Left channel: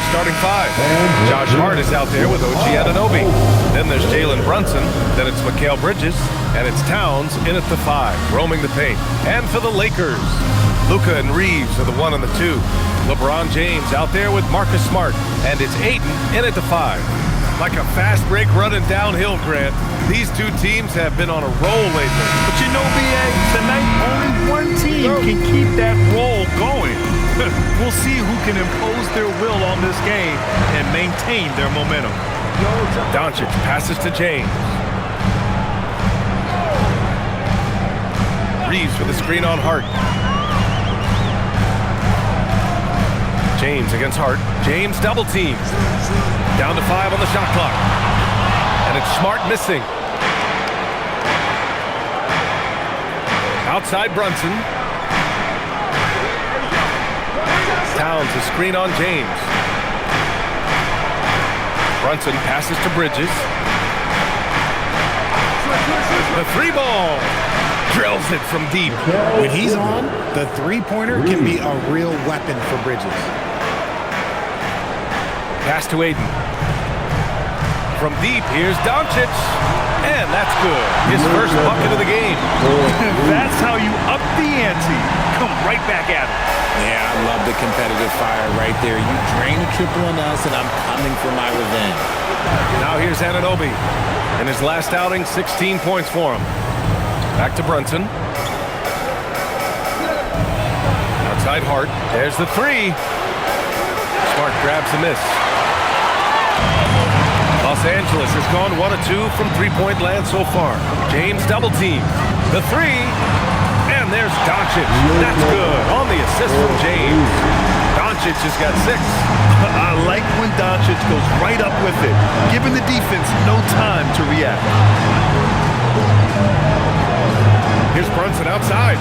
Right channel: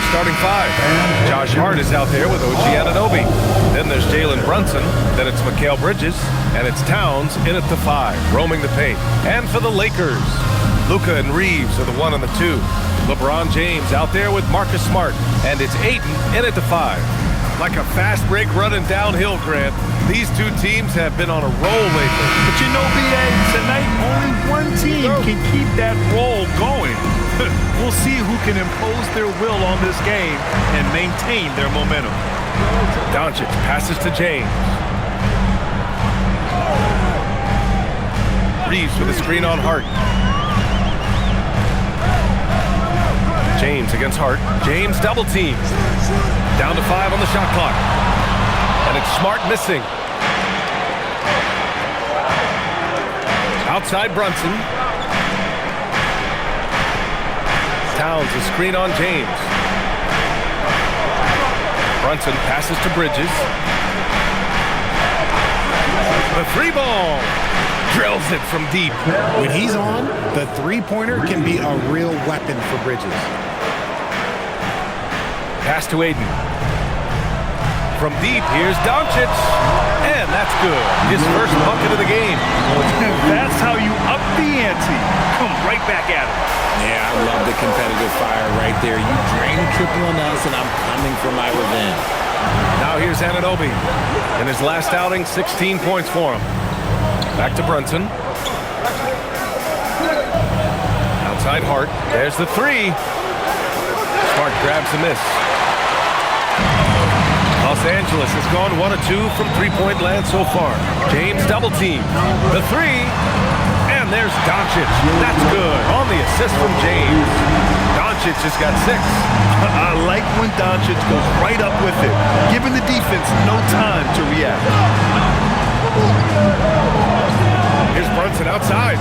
Star's starting five. Josh Hart is out there with OG Anunoby. Then there's Jalen Brunson. Then it's Mikal Bridges. And it's Towns in at the 5, roaming the paint. And for the Lakers, Luka and Reeves are the 1 and the 2. LeBron James out there with Marcus Smart. And it's Ayton in at the 5. Like a fast break running downhill, Grant. These two teams have been on a roll lately. But you know, B.A., tonight only one team can keep that roll going. We'll see who can impose their will on this game and maintain their momentum. Doncic passes to James. Reeves with a screen on Hart. James against Hart. James double team. Down to 5 on the shot clock. And it's Smart missing. Outside Brunson. Towns a screen on James. Brunson passes to Bridges. The 3-ball. Drills it from deep. When he's on, the three-pointer can be a real weapon for Bridges. Pass to Ayton. From deep, here's Doncic. And that's good. His first bucket of the game. That's how you up the ante. Come right back at him. Yeah, I love the competitive fire right there. You drain a triple on us, and I'm coming for my revenge. Now here's Anunoby. In his last outing, 16 points for him. Back to Brunson. Outside Hart. There's the 3. Smart grabs the miss. Los Angeles has gone 1 of 2 from three-point land so far. James double team. The 3. And there's Doncic. That's good. On the assist from James. Doncic has got 6. I like when Doncic goes right up with it, giving the defense no time to react. Here's Brunson outside.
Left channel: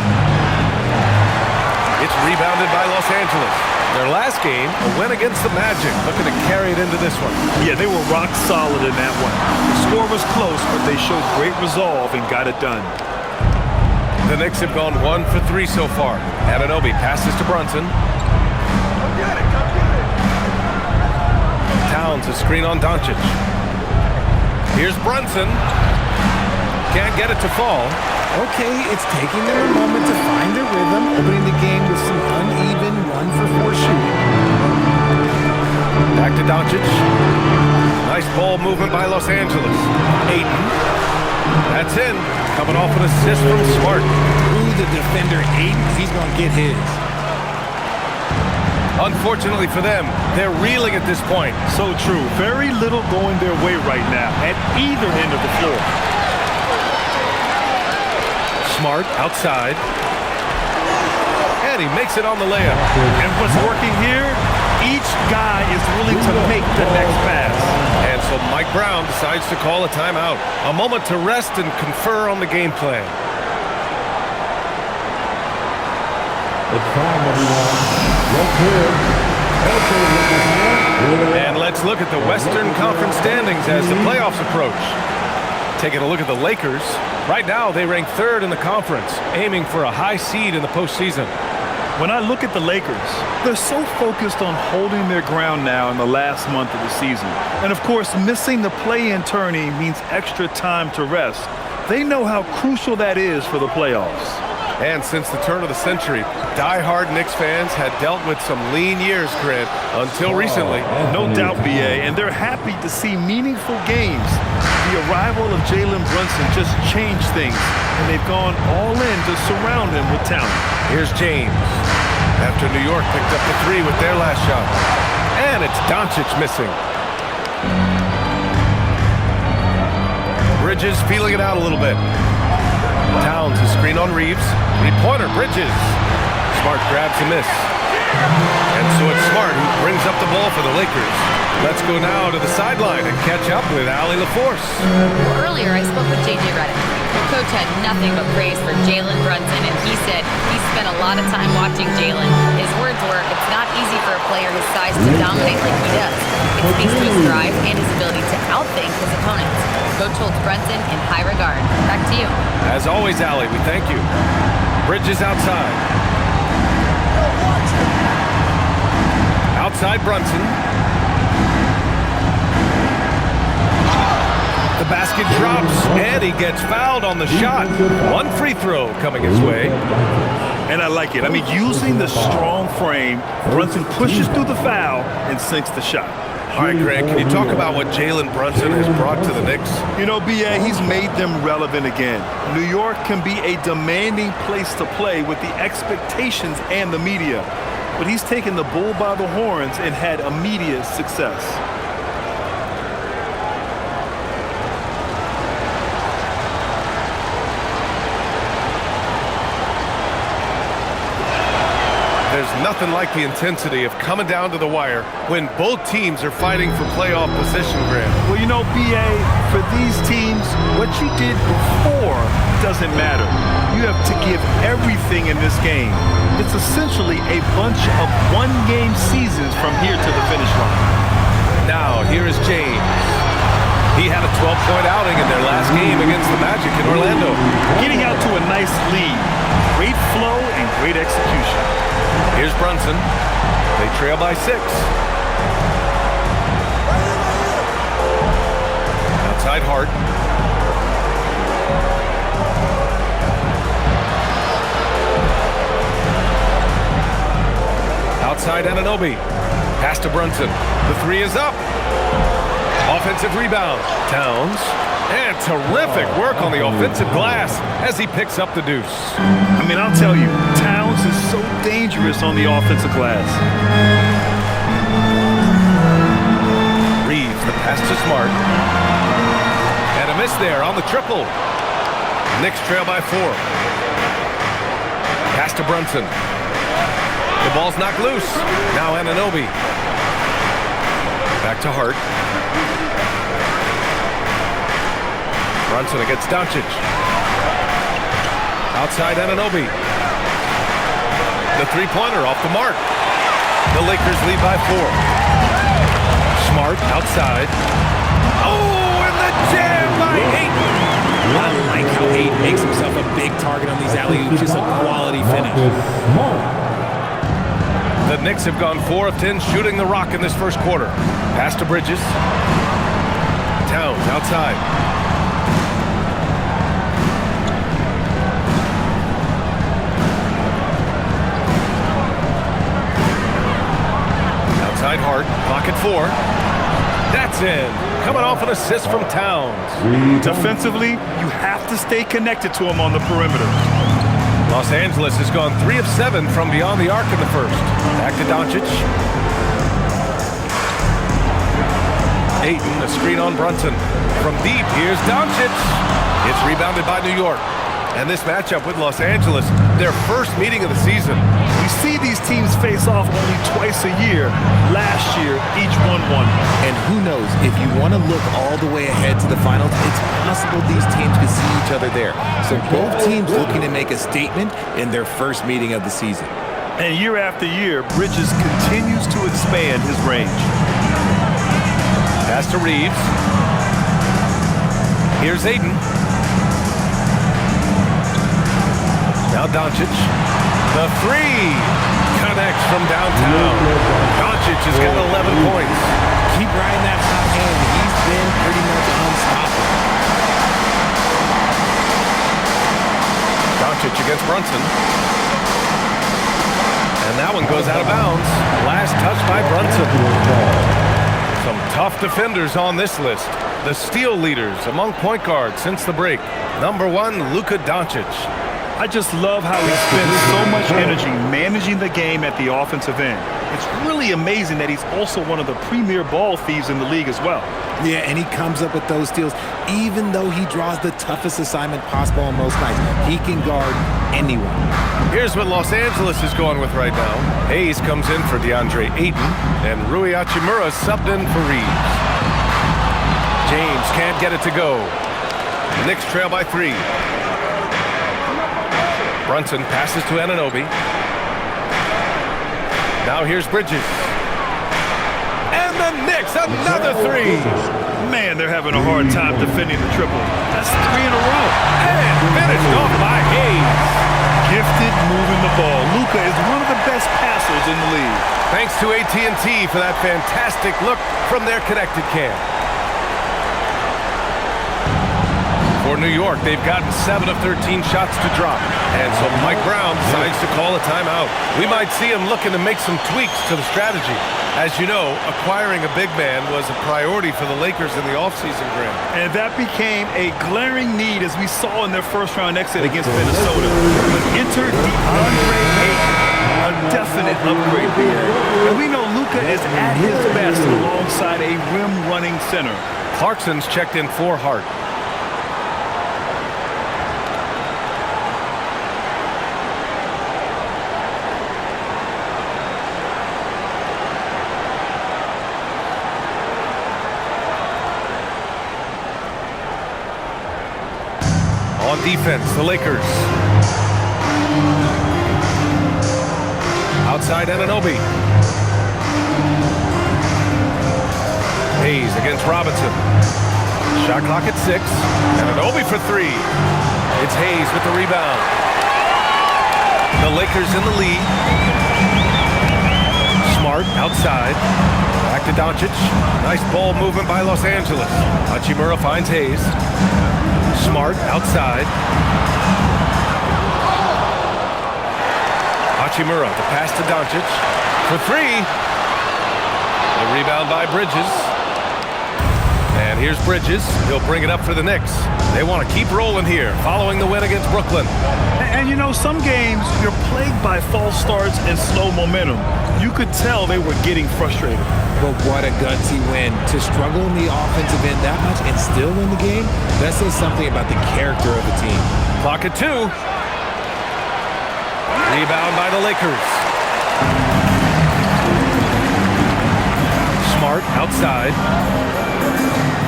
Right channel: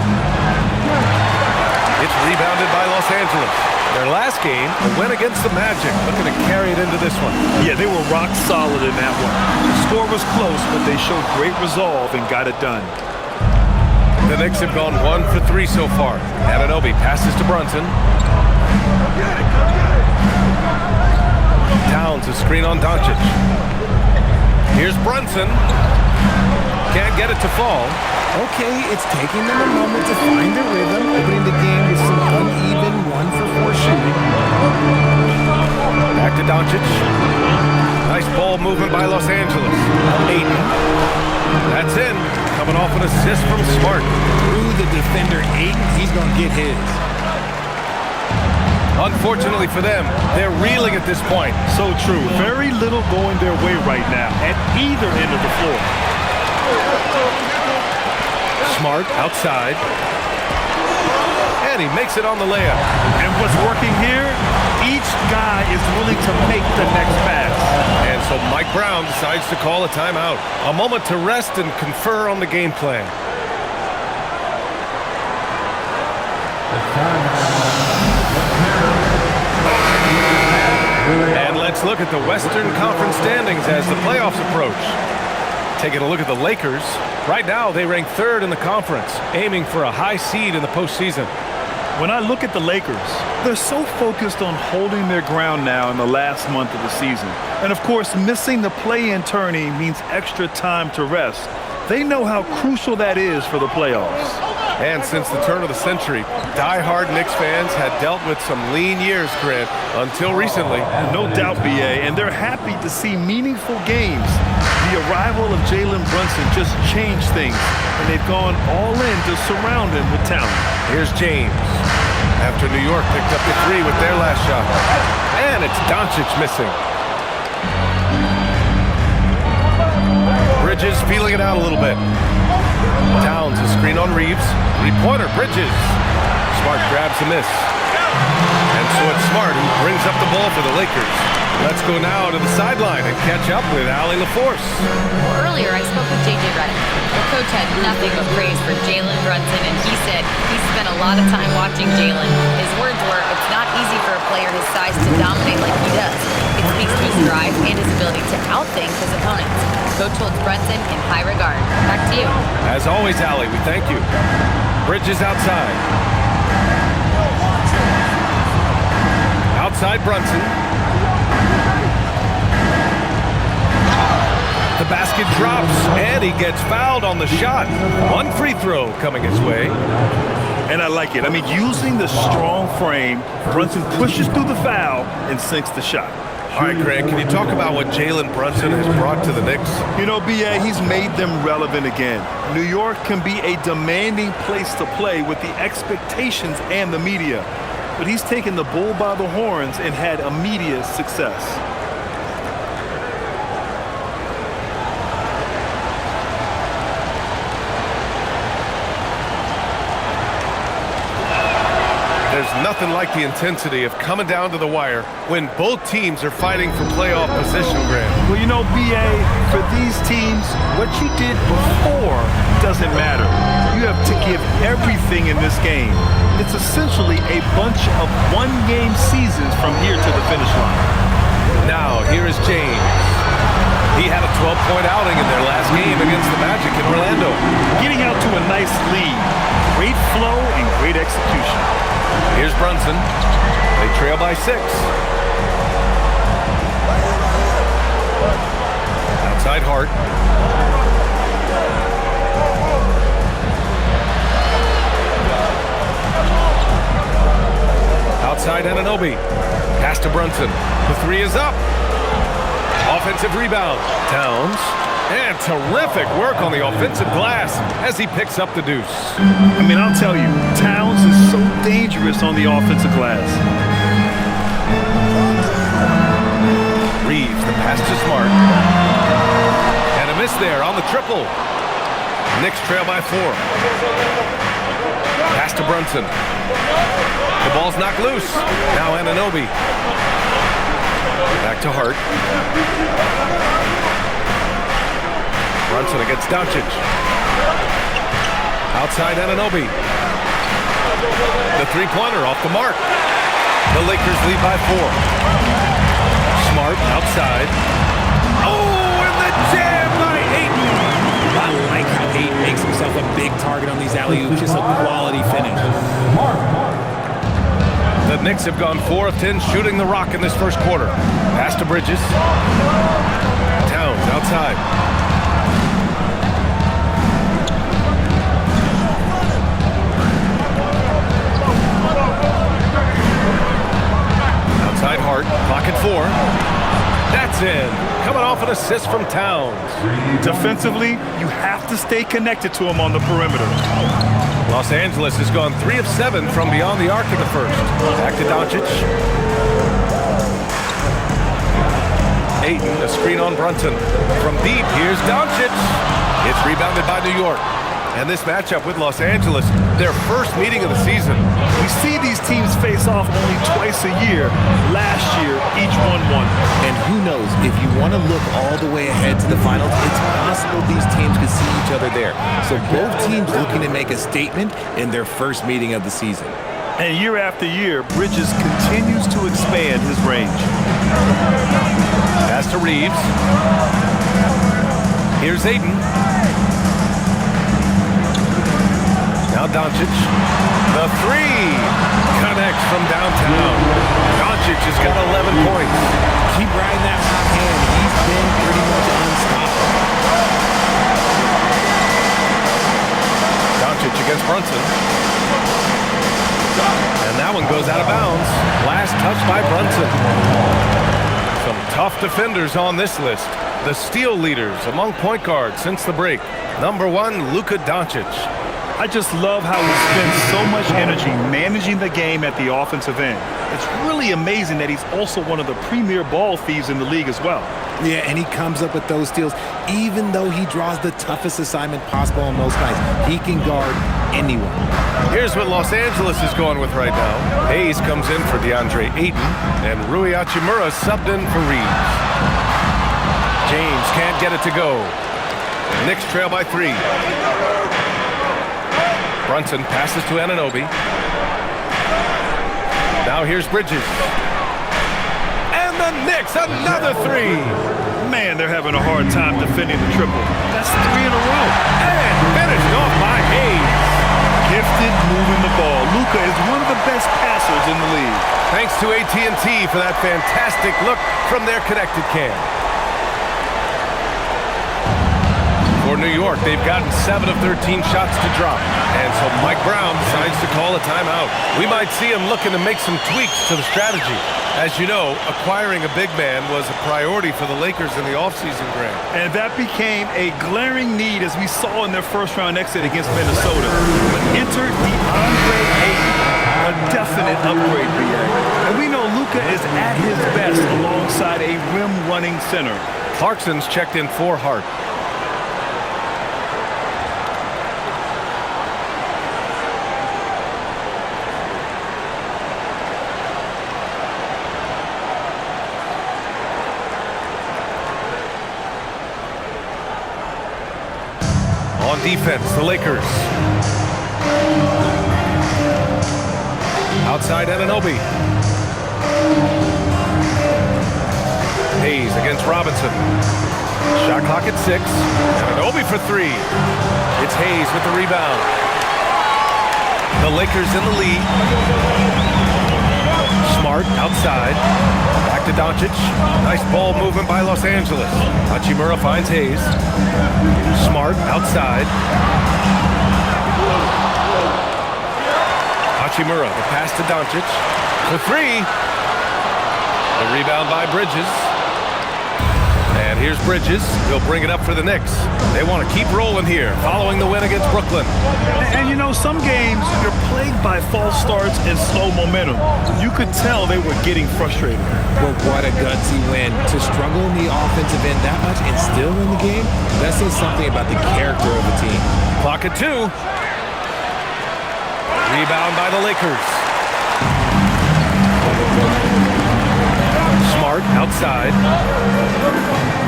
It's rebounded by Los Angeles. Their last game, a win against the Magic, looking to carry it into this one. Yeah, they were rock solid in that one. The score was close, but they showed great resolve and got it done. The Knicks have gone 1 for 3 so far. Anunoby passes to Brunson. Come get it, come get it. Towns a screen on Doncic. Here's Brunson. Can't get it to fall. Okay, it's taking them a moment to find their rhythm, opening the game with some uneven 1 for 4 shooting. Back to Doncic. Nice ball movement by Los Angeles. Ayton. That's in. Coming off an assist from Smart. Through the defender, Ayton, he's going to get his. Unfortunately for them, they're reeling at this point. So true. Very little going their way right now at either end of the floor. Smart outside. And he makes it on the layup. And what's working here? Each guy is willing to make the next pass. And so Mike Brown decides to call a timeout. A moment to rest and confer on the game plan. It's time, everyone. Let's hear it. And let's look at the Western Conference standings as the playoffs approach. Taking a look at the Lakers. Right now, they rank 3rd in the conference, aiming for a high seed in the postseason. When I look at the Lakers, they're so focused on holding their ground now in the last month of the season. And of course, missing the play-in tourney means extra time to rest. They know how crucial that is for the playoffs. And since the turn of the century, die-hard Knicks fans had dealt with some lean years, Grant, until recently. No doubt, B.A., and they're happy to see meaningful games. The arrival of Jalen Brunson just changed things, and they've gone all in to surround him with talent. Here's James. After New York picked up the 3 with their last shot. And it's Doncic missing. Bridges feeling it out a little bit. Towns a screen on Reeves. 3-pointer, Bridges. Smart grabs a miss. And so it's Smart who brings up the ball for the Lakers. Let's go now to the sideline and catch up with Allie LaForce. Well, earlier I spoke with J.J. Redick. The coach had nothing but praise for Jalen Brunson, and he said he spent a lot of time watching Jalen. His words were, it's not easy for a player his size to dominate like he does. It speaks to his drive and his ability to outthink his opponents. Coach holds Brunson in high regard. Back to you. As always, Allie, we thank you. Bridges outside. Outside Brunson. The basket drops, and he gets fouled on the shot. One free throw coming his way. And I like it. I mean, using the strong frame, Brunson pushes through the foul and sinks the shot. All right, Grant, can you talk about what Jalen Brunson has brought to the Knicks? You know, B.A., he's made them relevant again. New York can be a demanding place to play with the expectations and the media. But he's taken the bull by the horns and had immediate success. There's nothing like the intensity of coming down to the wire when both teams are fighting for playoff position, Grant. Well, you know, B.A., for these teams, what you did before doesn't matter. You have to give everything in this game. It's essentially a bunch of one-game seasons from here to the finish line. Now, here is James. He had a 12-point outing in their last game against the Magic in Orlando. Getting out to a nice lead. Great flow and great execution. Here's Brunson. They trail by 6. Outside Hart. Outside Anunoby. Pass to Brunson. The 3 is up. Offensive rebound. Towns. And terrific work on the offensive glass as he picks up the deuce. I mean, I'll tell you, Towns is so dangerous on the offensive glass. Reeves, the pass to Smart. And a miss there on the triple. Knicks trail by 4. Pass to Brunson. The ball's knocked loose. Now Anunoby. Back to Hart. Brunson against Doncic. Outside Anunoby. The three-pointer off the mark. The Lakers lead by 4. Smart outside. Oh, and the jam by Ayton. I like how Ayton makes himself a big target on these alley-oops. Just a quality finish. The Knicks have gone 4 of 10 shooting the rock in this first quarter. Pass to Bridges. Towns outside. Outside Hart, clock at 4. That's in. Coming off an assist from Towns. Defensively, you have to stay connected to him on the perimeter. Los Angeles has gone 3 of 7 from beyond the arc in the first. Back to Doncic. Ayton, a screen on Brunson. From deep, here's Doncic. It's rebounded by New York. And this matchup with Los Angeles, their first meeting of the season. We see these teams face off only twice a year. Last year, each won one. And who knows, if you want to look all the way ahead to the finals, it's possible these teams could see each other there. So both teams looking to make a statement in their first meeting of the season. And year after year, Bridges continues to expand his range. Pass to Reeves. Here's Ayton. Now Doncic. The 3 connects from downtown. Doncic has got 11 points. Keep riding that hot hand. He's been pretty much unstoppable. Doncic against Brunson. And that one goes out of bounds. Last touch by Brunson. Some tough defenders on this list. The steal leaders among point guards since the break. Number 1, Luka Doncic. I just love how he spends so much energy managing the game at the offensive end. It's really amazing that he's also one of the premier ball thieves in the league as well. Yeah, and he comes up with those steals even though he draws the toughest assignment possible on most nights. He can guard anyone. Here's what Los Angeles is going with right now. Hayes comes in for DeAndre Ayton, and Rui Hachimura subbed in for Reeves. James can't get it to go. Knicks trail by 3. Brunson passes to Anunoby. Now here's Bridges. And the Knicks, another 3. Man, they're having a hard time defending the triple. That's 3 in a row. And finished off by Hayes. gifted moving the ball. Luka is one of the best passers in the league. Thanks to AT&T for that fantastic look from their connected cam. For New York, they've gotten 7 of 13 shots to drop. And so Mike Brown decides to call a timeout. We might see him looking to make some tweaks to the strategy. As you know, acquiring a big man was a priority for the Lakers in the offseason, Graham. And that became a glaring need as we saw in their first-round exit against Minnesota. But enter DeAndre Ayton, a definite upgrade, BA. And we know Luka is at his best alongside a rim-running center. Clarkson's checked in for Hart. On defense, the Lakers. Outside Anunoby. Hayes against Robinson. Shot clock at 6. Anunoby for 3. It's Hayes with the rebound. The Lakers in the lead. Smart outside. Back to Doncic. Nice ball movement by Los Angeles. Hachimura finds Hayes. Smart outside. Hachimura, the pass to Doncic for 3. The rebound by Bridges. And here's Bridges. He'll bring it up for the Knicks. They want to keep rolling here, following the win against Brooklyn. And you know, some games you're plagued by false starts and slow momentum. You could tell they were getting frustrated. But what a gutsy win. To struggle in the offensive end that much and still win the game, that says something about the character of the team. Clock at 2. Rebound by the Lakers. Smart outside.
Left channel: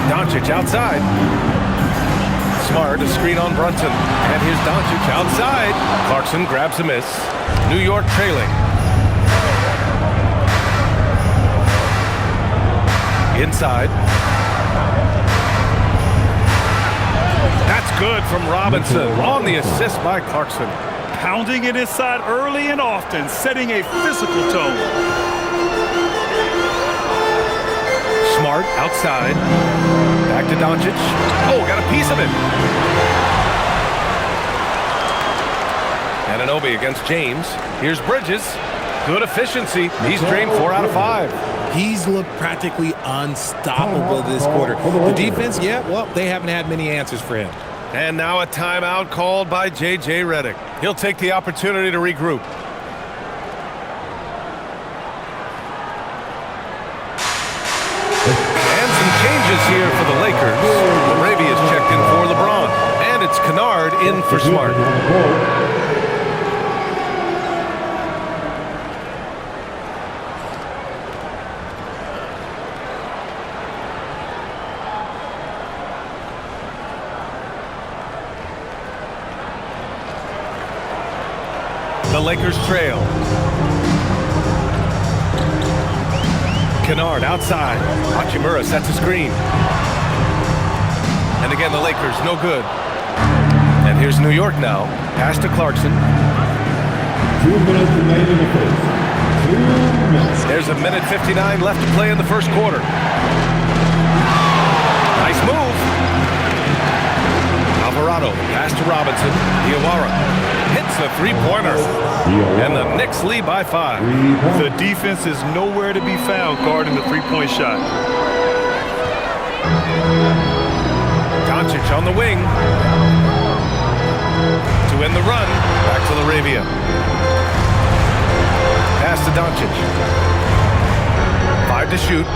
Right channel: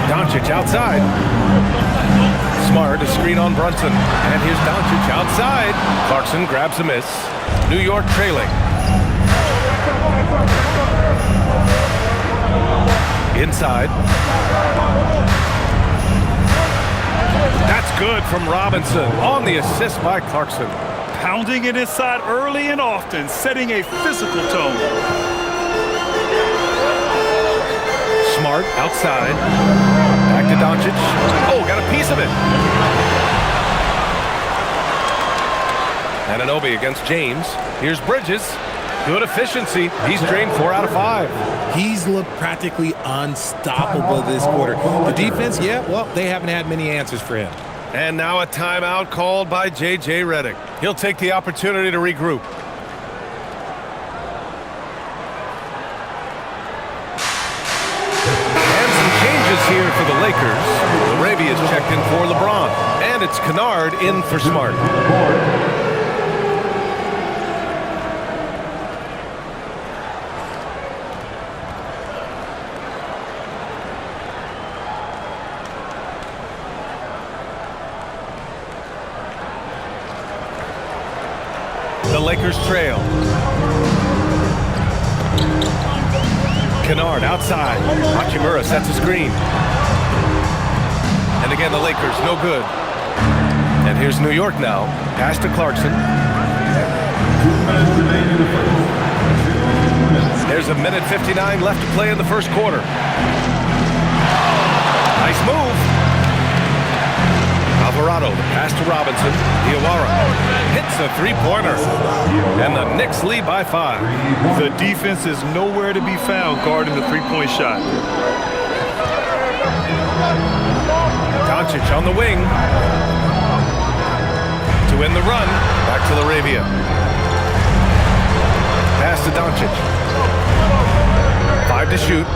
Doncic outside. Smart, a screen on Brunson. And here's Doncic outside. Clarkson grabs a miss. New York trailing. Inside. That's good from Robinson on the assist by Clarkson. Pounding it inside early and often, setting a physical tone. Smart outside. Back to Doncic. Oh, got a piece of it. Anunoby against James. Here's Bridges. Good efficiency. He's drained 4 out of 5. He's looked practically unstoppable this quarter. The defense, yeah, well, they haven't had many answers for him. And now a timeout called by J.J. Redick. He'll take the opportunity to regroup. And some changes here for the Lakers. Larabia's checked in for LeBron. And it's Kennard in for Smart. The Lakers trail. Kennard outside. Hachimura sets a screen. And again, the Lakers, no good. And here's New York now. Pass to Clarkson. 2 minutes remain in the first. 2 minutes. There's a minute 59 left to play in the first quarter. Nice move. Alvarado, the pass to Robinson. Diawara hits a three-pointer. And the Knicks lead by 5. The defense is nowhere to be found guarding the three-point shot. Doncic on the wing. To end the run, back to Laravia. Pass to Doncic. 5 to shoot.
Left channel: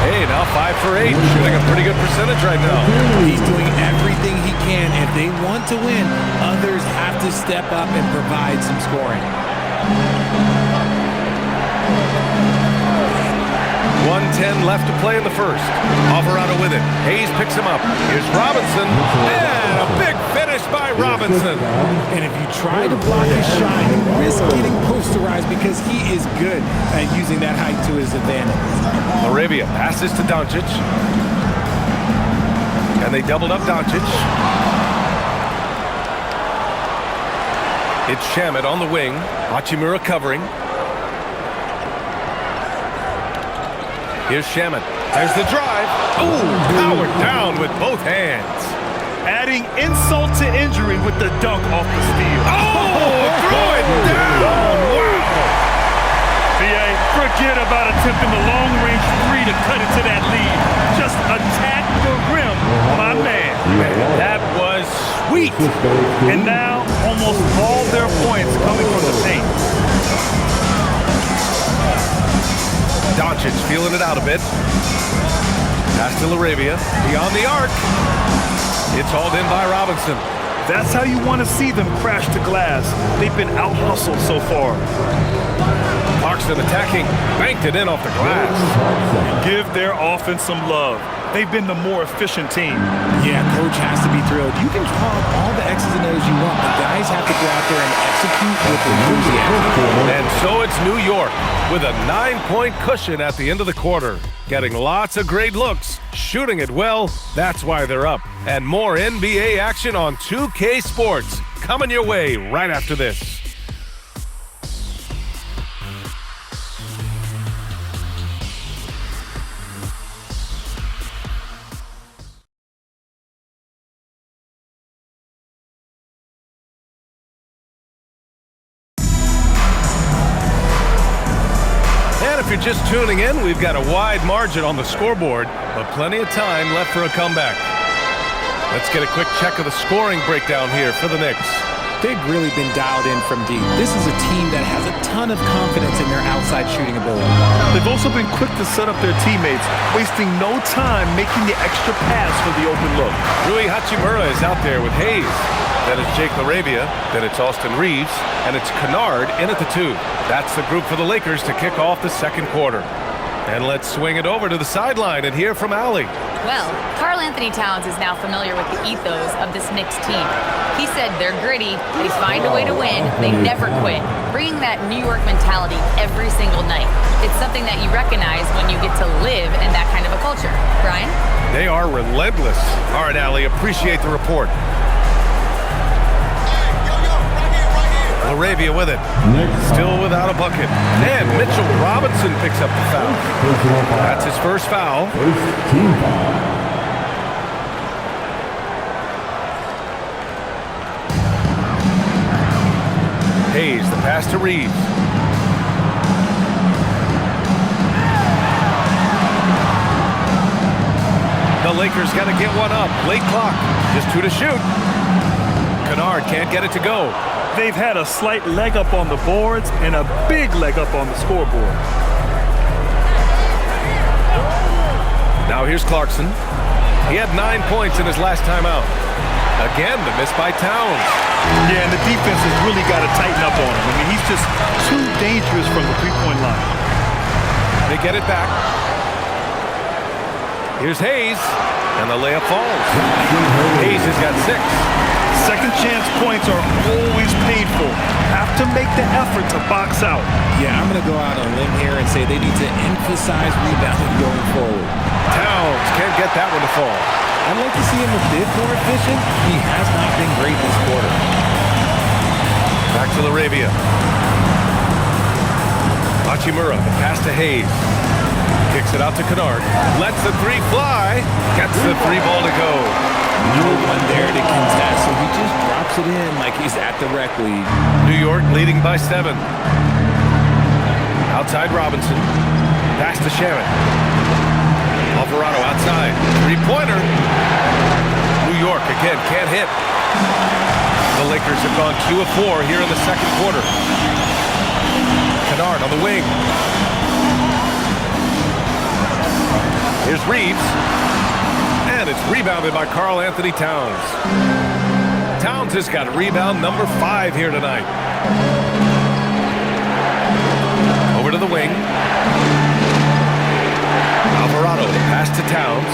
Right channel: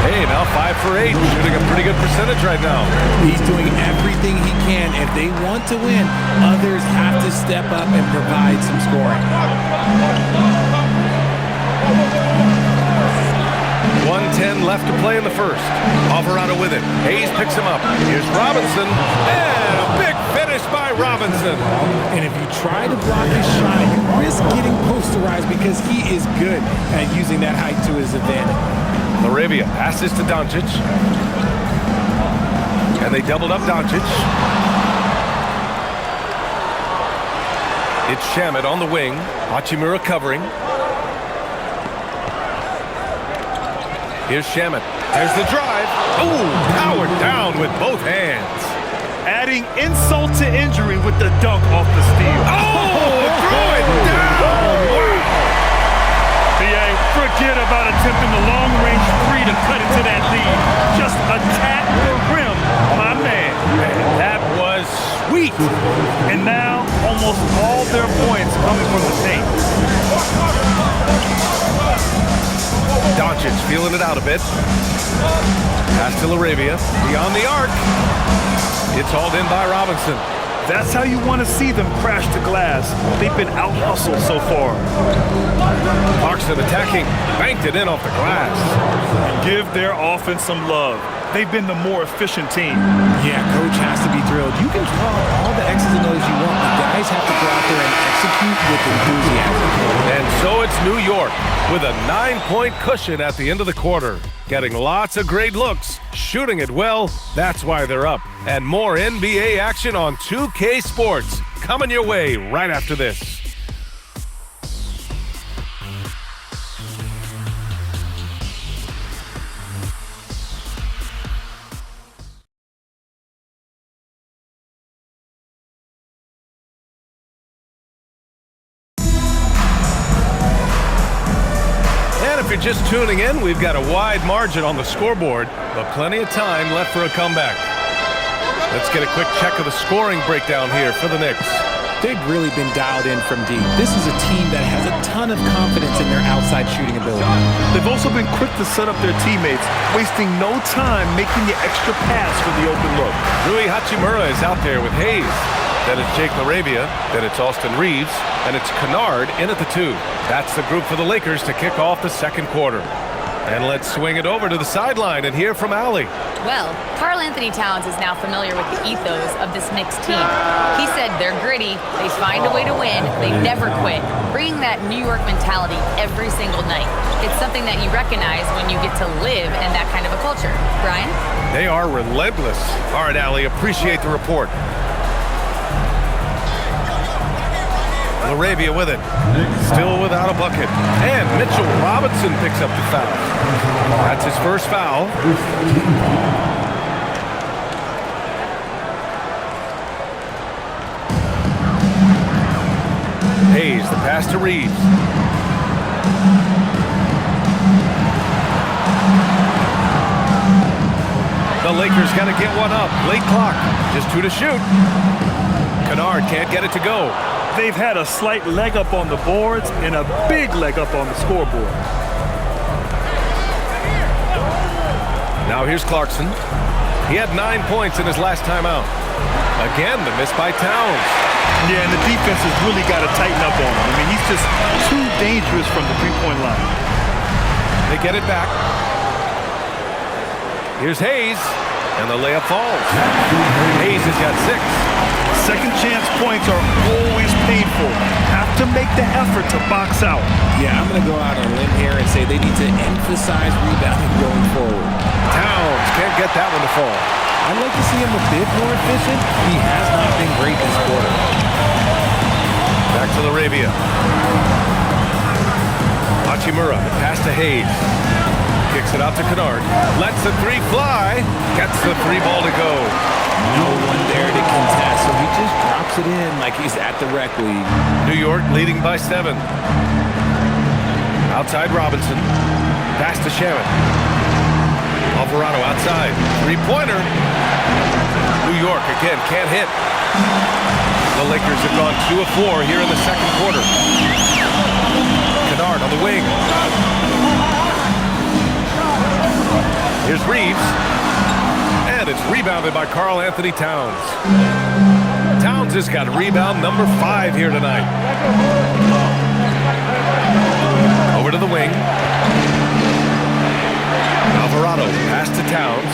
Hey, now 5 for 8, shooting a pretty good percentage right now. He's doing everything he can. If they want to win, others have to step up and provide some scoring. 1:10 left to play in the first. Alvarado with it. Hayes picks him up. Here's Robinson. And a big finish by Robinson. And if you try to block his shot, you risk getting posterized because he is good at using that height to his advantage. Laravia passes to Doncic. And they doubled up Doncic. It's Shamet on the wing. Hachimura covering. Here's Shamet. There's the drive. Ooh, powered down with both hands. Adding insult to injury with the dunk off the steal. Oh, throw it down. Wow. BA, forget about attempting the long-range three to cut into that lead. Just attack the rim, my man. Man, that was sweet. And now, almost all their points coming from the paint. Doncic feeling it out a bit. Pass to LaRavia. Beyond the arc. It's hauled in by Robinson. That's how you want to see them crash the glass. They've been out-hustled so far. Clarkson attacking. Banked it in off the glass. And give their offense some love. They've been the more efficient team. Yeah, coach has to be thrilled. You can draw up all the X's and O's you want, but guys have to go out there and execute with enthusiasm. And so it's New York with a 9-point cushion at the end of the quarter. Getting lots of great looks, shooting it well, that's why they're up. And more NBA action on 2K Sports coming your way right after this. And if you're just tuning in, we've got a wide margin on the scoreboard, but plenty of time left for a comeback. Let's get a quick check of the scoring breakdown here for the Knicks. They've really been dialed in from deep. This is a team that has a ton of confidence in their outside shooting ability. They've also been quick to set up their teammates, wasting no time making the extra pass for the open look. Rui Hachimura is out there with Hayes. Then it's Jake LaRavia. Then it's Austin Reeves. And it's Kennard in at the 2. That's the group for the Lakers to kick off the second quarter. And let's swing it over to the sideline and hear from Allie. Well, Karl Anthony Towns is now familiar with the ethos of this Knicks team. He said they're gritty, they find a way to win, they never quit, bringing that New York mentality every single night. It's something that you recognize when you get to live in that kind of a culture. Brian? They are relentless. All right, Allie, appreciate the report. LaRavia with it. Still without a bucket. And Mitchell Robinson picks up the foul. That's his first foul. Team foul. Hayes, the pass to Reeves. The Lakers got to get one up. Late clock. Just 2 to shoot. Kennard can't get it to go. They've had a slight leg up on the boards and a big leg up on the scoreboard. Now here's Clarkson. He had 9 points in his last time out. Again, the miss by Towns. Yeah, and the defense has really got to tighten up on him. I mean, he's just too dangerous from the three-point line. They get it back. Here's Hayes, and the layup falls. Hayes has got 6. Second chance points are always painful. Have to make the effort to box out. Yeah, I'm going to go out on a limb here and say they need to emphasize rebounding going forward. Towns can't get that one to fall. I'd like to see him a bit more efficient. He has not been great this quarter. Back to LaRavia. Hachimura, the pass to Hayes. Kicks it out to Kennard. Lets the 3 fly. Gets the 3 ball to go. No one there to contest, so he just drops it in like he's at the rec league. New York leading by 7. Outside Robinson. Pass to Shamet. Alvarado outside. 3-pointer. New York again can't hit. The Lakers have gone 2 of 4 here in the second quarter. Kennard on the wing. Here's Reeves. And it's rebounded by Karl Anthony Towns. Towns has got rebound number 5 here tonight. Over to the wing. Alvarado, the pass to Towns.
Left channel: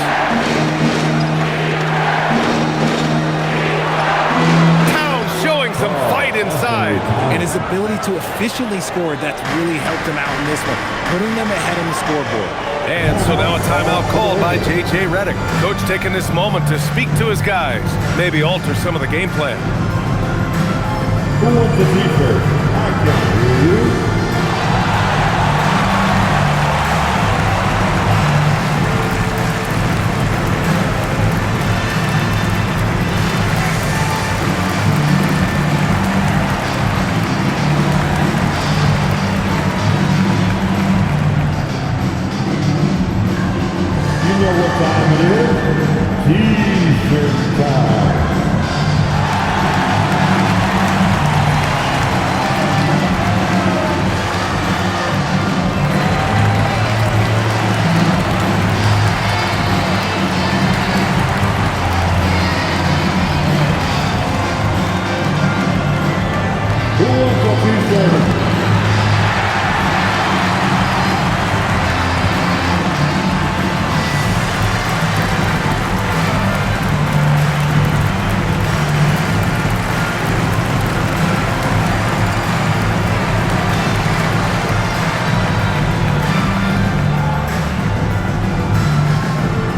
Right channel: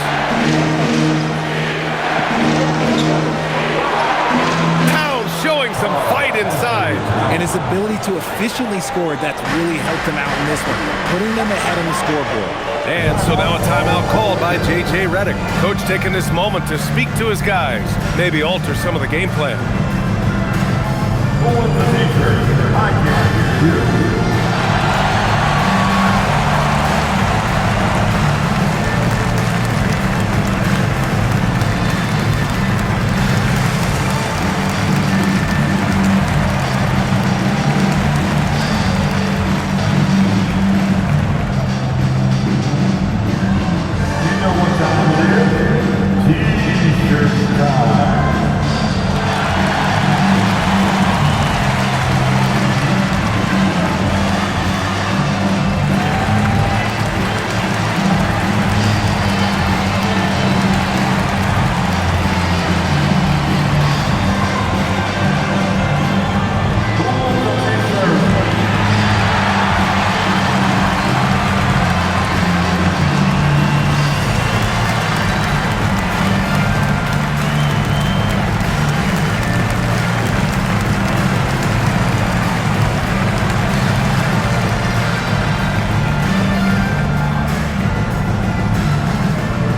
Towns showing some fight inside. And his ability to efficiently score, that's really helped him out in this one, putting them ahead on the scoreboard. And so now a timeout called by J.J. Redick. Coach taking this moment to speak to his guys, maybe alter some of the game plan. Who wants the t-shirt? I can. You? You know what time it is? T-shirt time. Who wants the t-shirt?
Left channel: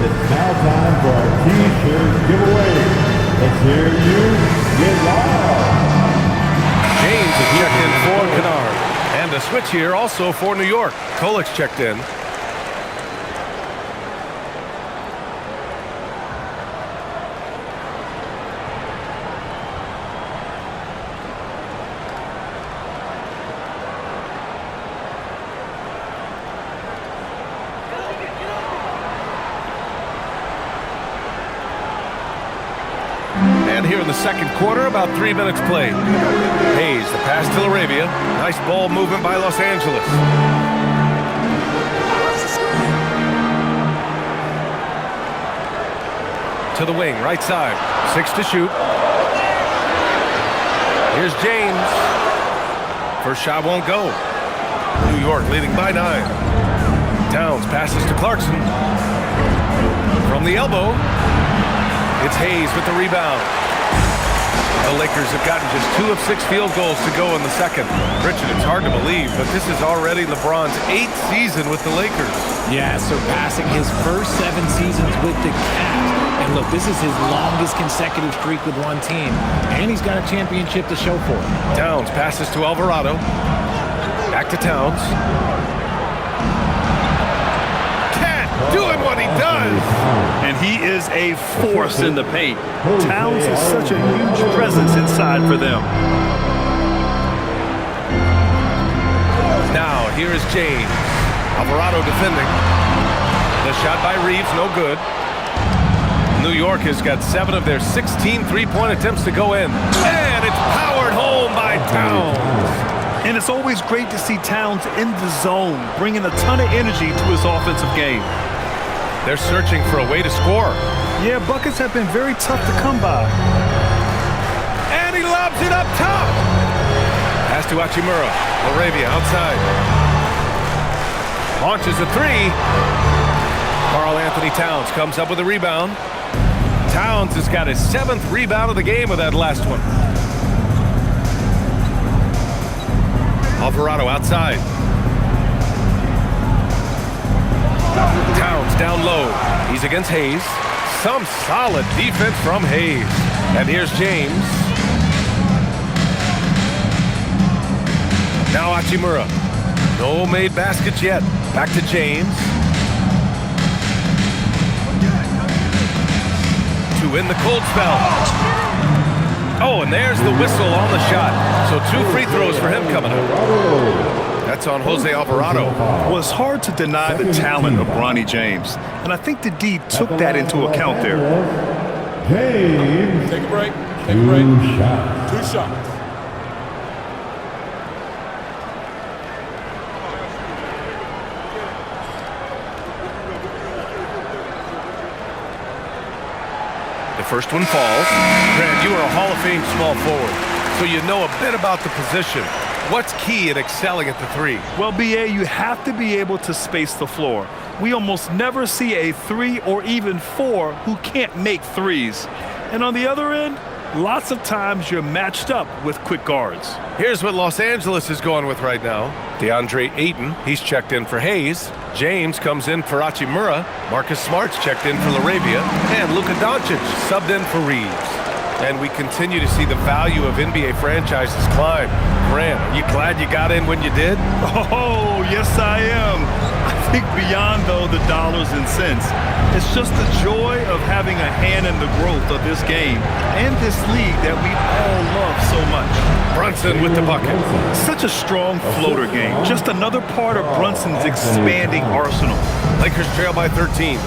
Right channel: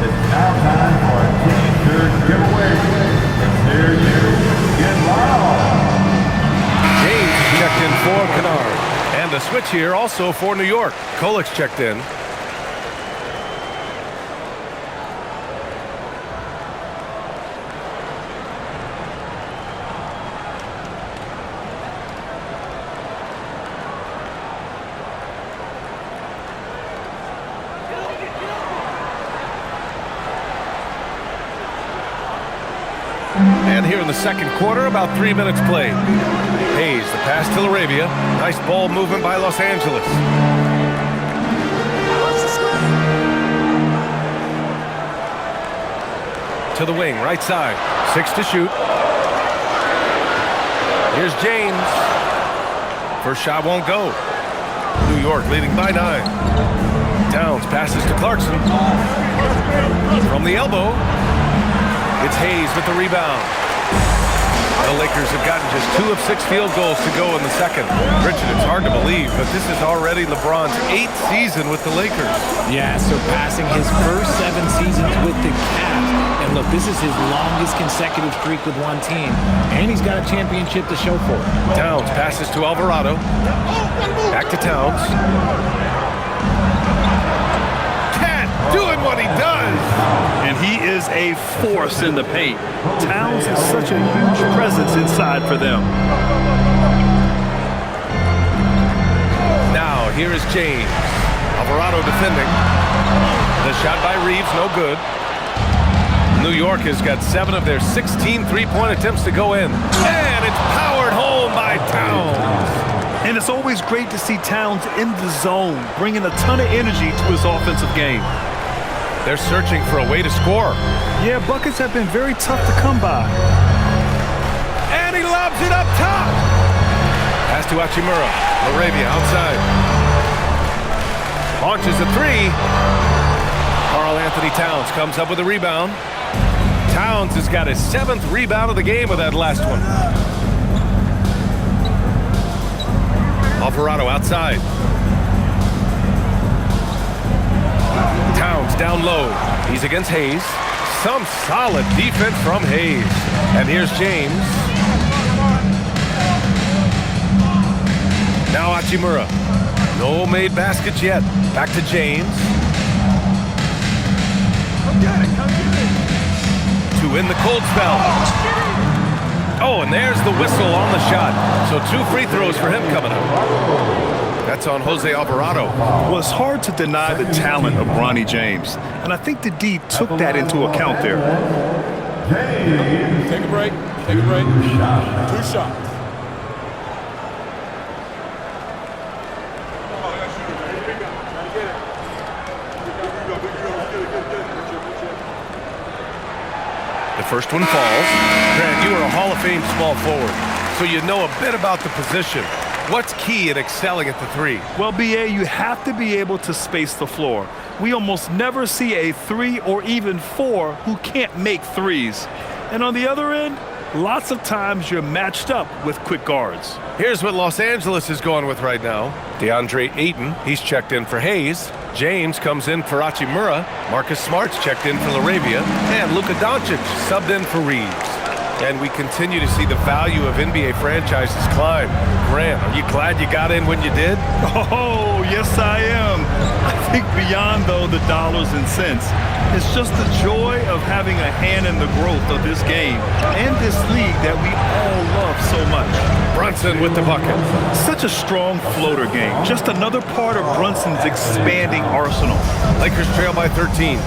It's now time for our t-shirt giveaway. Let's hear you get loud. James is checked in for Kennard. And a switch here also for New York. Kolik's checked in. And here in the second quarter, about 3 minutes played. Hayes, the pass to Laravia. Nice ball movement by Los Angeles. To the wing, right side. 6 to shoot. Here's James. First shot won't go. New York leading by 9. Towns passes to Clarkson. From the elbow. It's Hayes with the rebound. The Lakers have gotten just 2 of 6 field goals to go in the second. Richard, it's hard to believe, but this is already LeBron's 8th season with the Lakers. Yeah, surpassing his first 7 seasons with the Cavs. And look, this is his longest consecutive streak with one team. And he's got a championship to show for it. Towns passes to Alvarado. Back to Towns. Cat doing what he does. And he is a force in the paint. Towns is such a huge presence inside for them. Now, here is James. Alvarado defending. The shot by Reeves, no good. New York has got 7 of their 16 three-point attempts to go in. And it's powered home by Towns. And it's always great to see Towns in the zone, bringing a ton of energy to his offensive game. They're searching for a way to score. Yeah, buckets have been very tough to come by. And he lobs it up top. Pass to Hachimura. Laravia outside. Launches a 3. Karl Anthony Towns comes up with a rebound. Towns has got his 7th rebound of the game with that last one. Alvarado outside. Towns down low. He's against Hayes. Some solid defense from Hayes. And here's James. Now Hachimura. No made baskets yet. Back to James. To in the cold spell. Oh, and there's the whistle on the shot. So 2 free throws for him coming up. That's on Jose Alvarado. Well, it's hard to deny the talent of Bronny James. And I think the D took that into account there. James. Take a break. Take a break. 2 shots. 2 shots. The first one falls. Grant, you are a Hall of Fame small forward, so you know a bit about the position. What's key in excelling at the 3? Well, BA, you have to be able to space the floor. We almost never see a 3 or even 4 who can't make threes. And on the other end, lots of times you're matched up with quick guards. Here's what Los Angeles is going with right now. DeAndre Ayton, he's checked in for Hayes. James comes in for Hachimura. Marcus Smart's checked in for Laravia. And Luka Doncic subbed in for Reeves. And we continue to see the value of NBA franchises climb. Grant, are you glad you got in when you did? Oh, yes, I am. I think beyond, though, the dollars and cents, it's just the joy of having a hand in the growth of this game and this league that we all love so much. Brunson with the bucket. Such a strong floater game. Just another part of Brunson's expanding arsenal. Lakers trail by 13.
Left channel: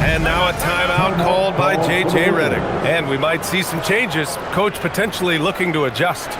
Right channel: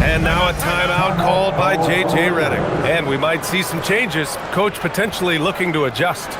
And now a timeout called by J.J. Redick. And we might see some changes. Coach potentially looking to adjust.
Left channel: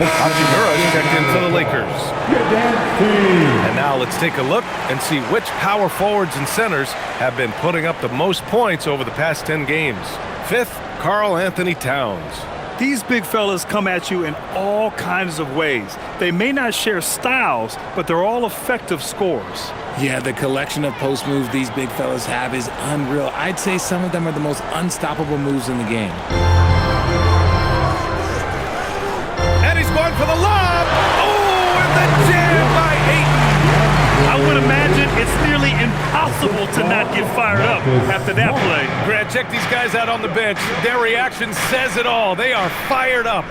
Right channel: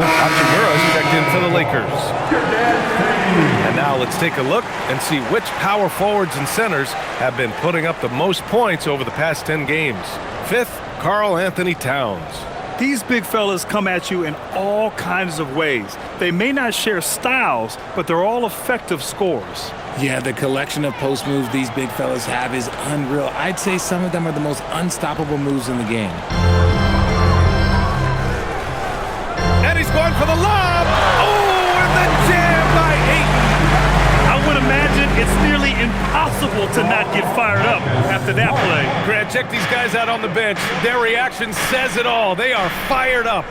Hachimura's checked in for the Lakers. And now let's take a look and see which power forwards and centers have been putting up the most points over the past 10 games. Fifth, Karl Anthony Towns. These big fellas come at you in all kinds of ways. They may not share styles, but they're all effective scorers. Yeah, the collection of post moves these big fellas have is unreal. I'd say some of them are the most unstoppable moves in the game. And he's going for the lob. Oh, and the jam by Ayton. I would imagine it's nearly impossible to not get fired up after that play. Grant, check these guys out on the bench. Their reaction says it all. They are fired up.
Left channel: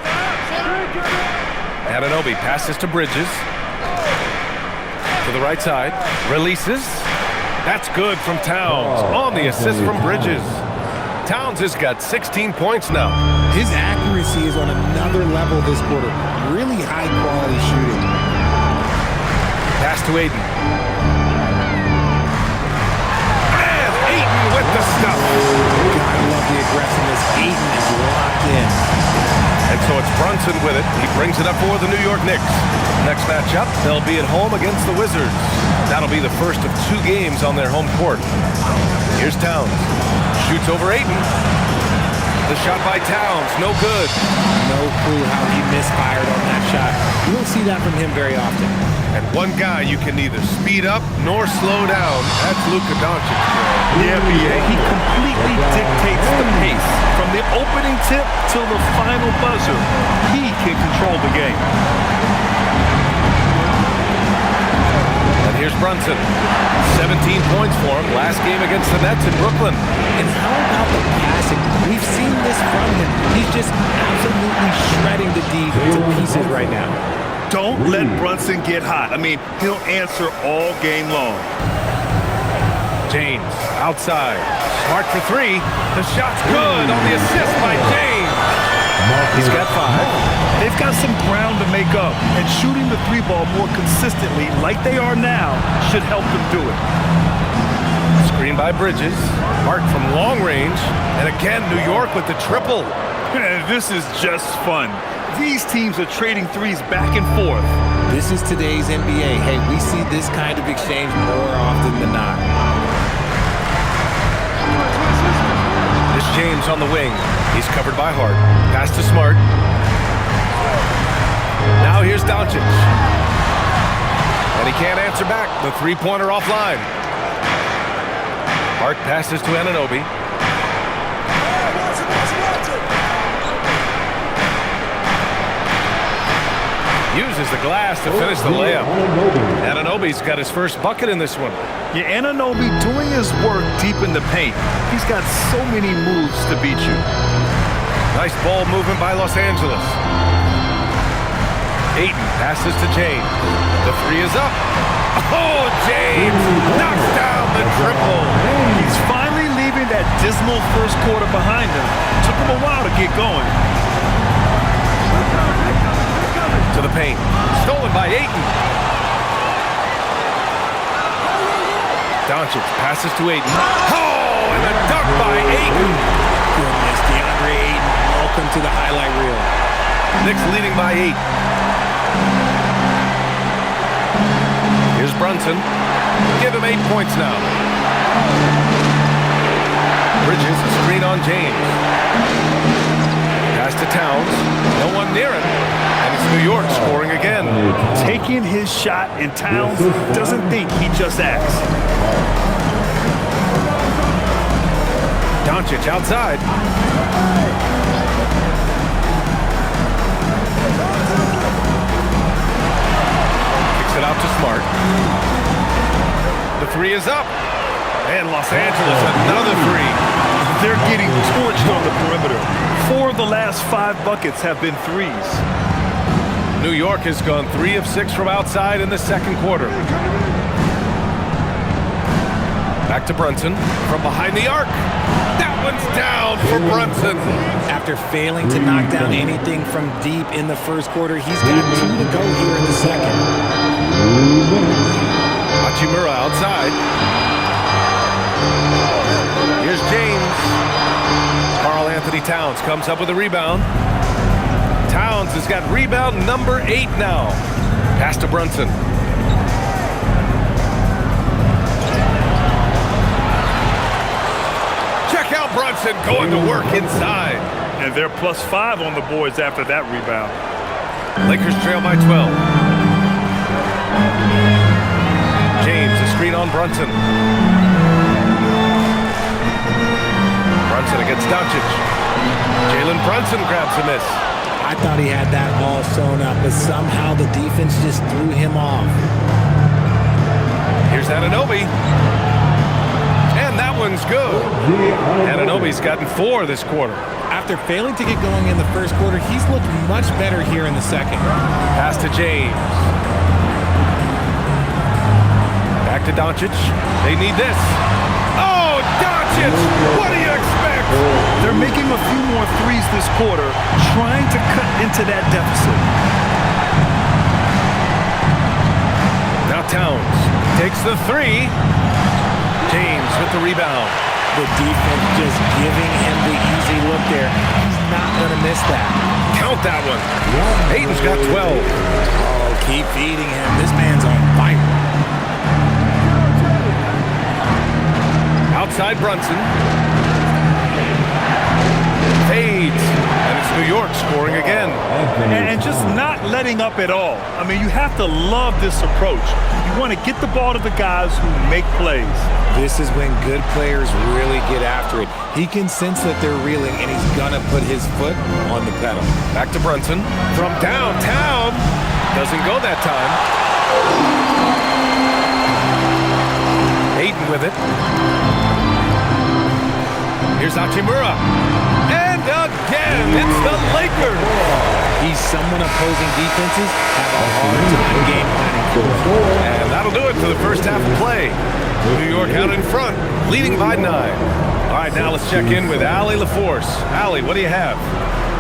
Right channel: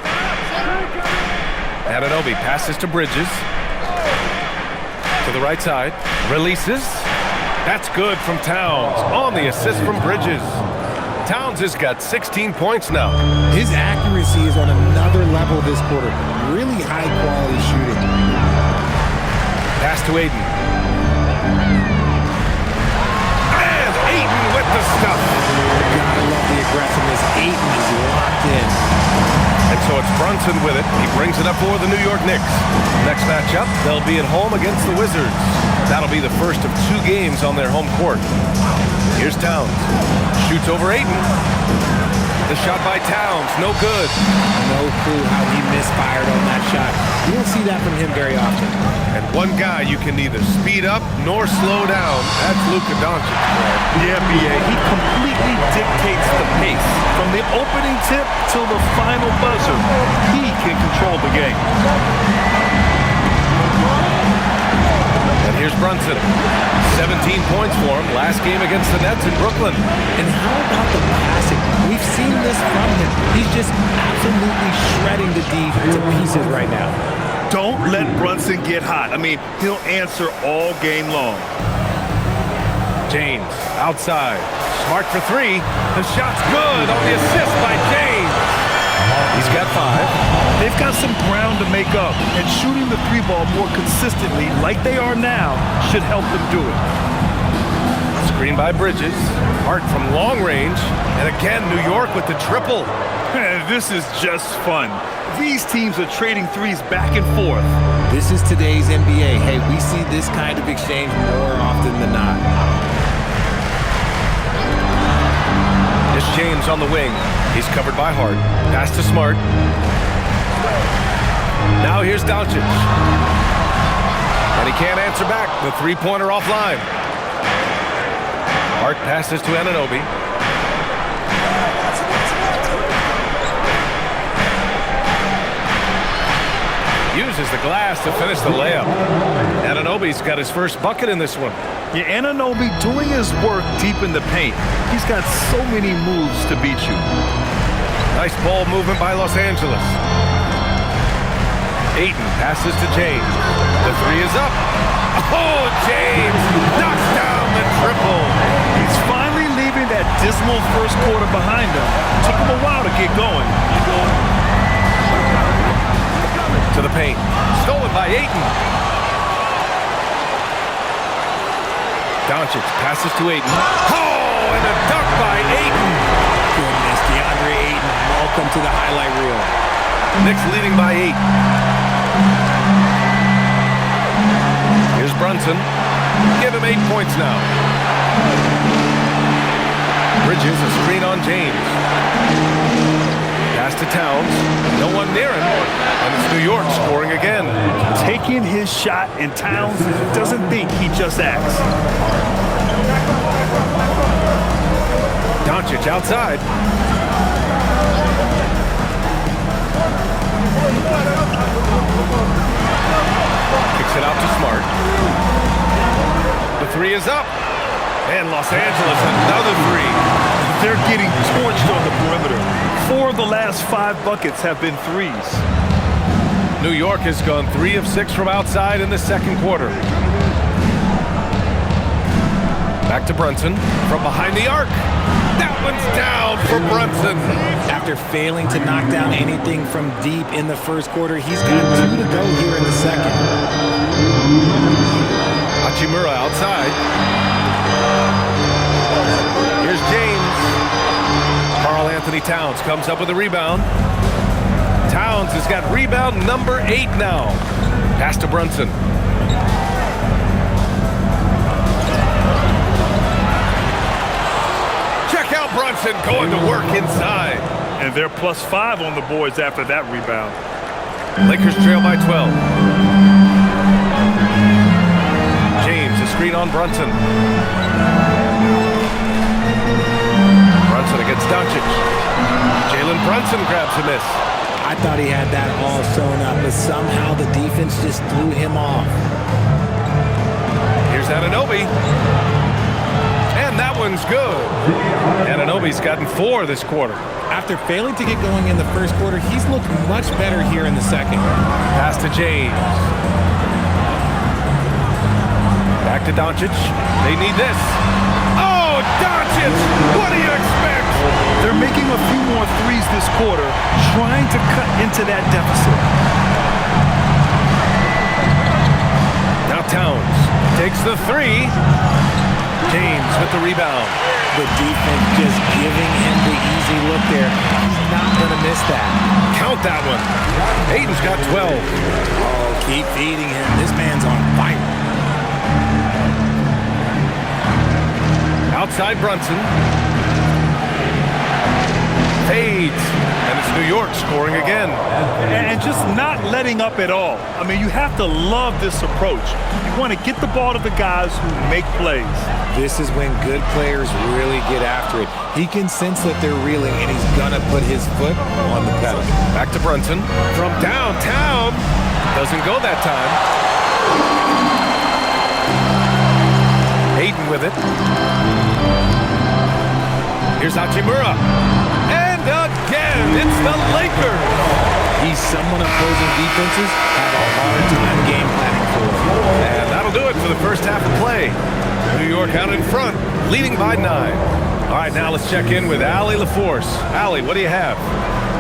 Anunoby passes to Bridges. To the right side. Releases. That's good from Towns. On the assist from Bridges. Towns has got 16 points now. His accuracy is on another level this quarter. Really high-quality shooting. Pass to Ayton. And Ayton with the stuff. Gotta love the aggressiveness. Ayton is locked in. And so it's Brunson with it. He brings it up for the New York Knicks. Next matchup, they'll be at home against the Wizards. That'll be the first of 2 games on their home court. Here's Towns. Shoots over Ayton. The shot by Towns, no good. No clue how he misfired on that shot. You don't see that from him very often. And one guy you can neither speed up nor slow down. That's Luka Doncic, Grant. Yeah, B.A. He completely dictates the pace. From the opening tip till the final buzzer, he can control the game. And here's Brunson. 17 points for him last game against the Nets in Brooklyn. And how about the passing? We've seen this from him. He's just absolutely shredding the D to pieces right now. Don't let Brunson get hot. I mean, he'll answer all game long. James outside. Smart for 3. The shot's good on the assist by James. He's got 5. They've got some ground to make up, and shooting the 3-ball more consistently like they are now should help them do it. Screen by Bridges. Hart from long range. And again, New York with the triple. This is just fun. These teams are trading threes back and forth. This is today's NBA. Hey, we see this kind of exchange more often than not. It's James on the wing. He's covered by Hart. Pass to Smart. Now here's Doncic. And he can't answer back. The 3-pointer offline. Hart passes to Anunoby. Uses the glass to finish the layup. Anunoby's got his first bucket in this one. Yeah, Anunoby doing his work deep in the paint. He's got so many moves to beat you. Nice ball movement by Los Angeles. Ayton passes to James. The three is up. Oh, James knocks down the triple. He's finally leaving that dismal first quarter behind him. Took him a while to get going. To the paint. Stolen by Ayton. Doncic passes to Ayton. Oh, and a dunk by Ayton. Goodness, DeAndre Ayton, welcome to the highlight reel. Knicks leading by 8. Here's Brunson. Give him 8 points now. Bridges, a screen on James. Pass to Towns. No one near him. And it's New York scoring again. Taking his shot, and Towns doesn't think, he just acts. Doncic outside. Kicks it out to Smart. The three is up. And Los Angeles, another three. They're getting torched on the perimeter. 4 of the last 5 buckets have been threes. New York has gone 3 of 6 from outside in the second quarter. Back to Brunson from behind the arc. That one's down for Brunson. After failing to knock down anything from deep in the first quarter, he's got 2 to go here in the second. Hachimura outside. Here's James. Karl Anthony Towns comes up with a rebound. Towns has got rebound number 8 now. Pass to Brunson. Check out Brunson going to work inside. And they're +5 on the boards after that rebound. Lakers trail by 12. James, a screen on Brunson. Brunson against Doncic. Jalen Brunson grabs a miss. I thought he had that all sewn up, but somehow the defense just threw him off. Here's Anunoby. And that one's good. Anunoby's gotten 4 this quarter. After failing to get going in the first quarter, he's looked much better here in the second. Pass to James. Back to Doncic. They need this. Oh, Doncic! What do you expect? They're making a few more threes this quarter, trying to cut into that deficit. Now Towns takes the 3. James with the rebound. The defense just giving him the easy look there. He's not going to miss that. Count that one. Ayton's got 12. Oh, keep feeding him. This man's on fire. Outside Brunson. Fades. And it's New York scoring again. And just not letting up at all. I mean, you have to love this approach. You want to get the ball to the guys who make plays. This is when good players really get after it. He can sense that they're reeling, and he's going to put his foot on the pedal. Back to Brunson. From downtown. Doesn't go that time. Ayton with it. Here's Hachimura. And again, it's the Lakers. He's someone opposing defenses have a hard time game planning for. And that'll do it for the first half of play. New York out in front, leading by 9. All right, now let's check in with Allie LaForce. Allie, what do you have?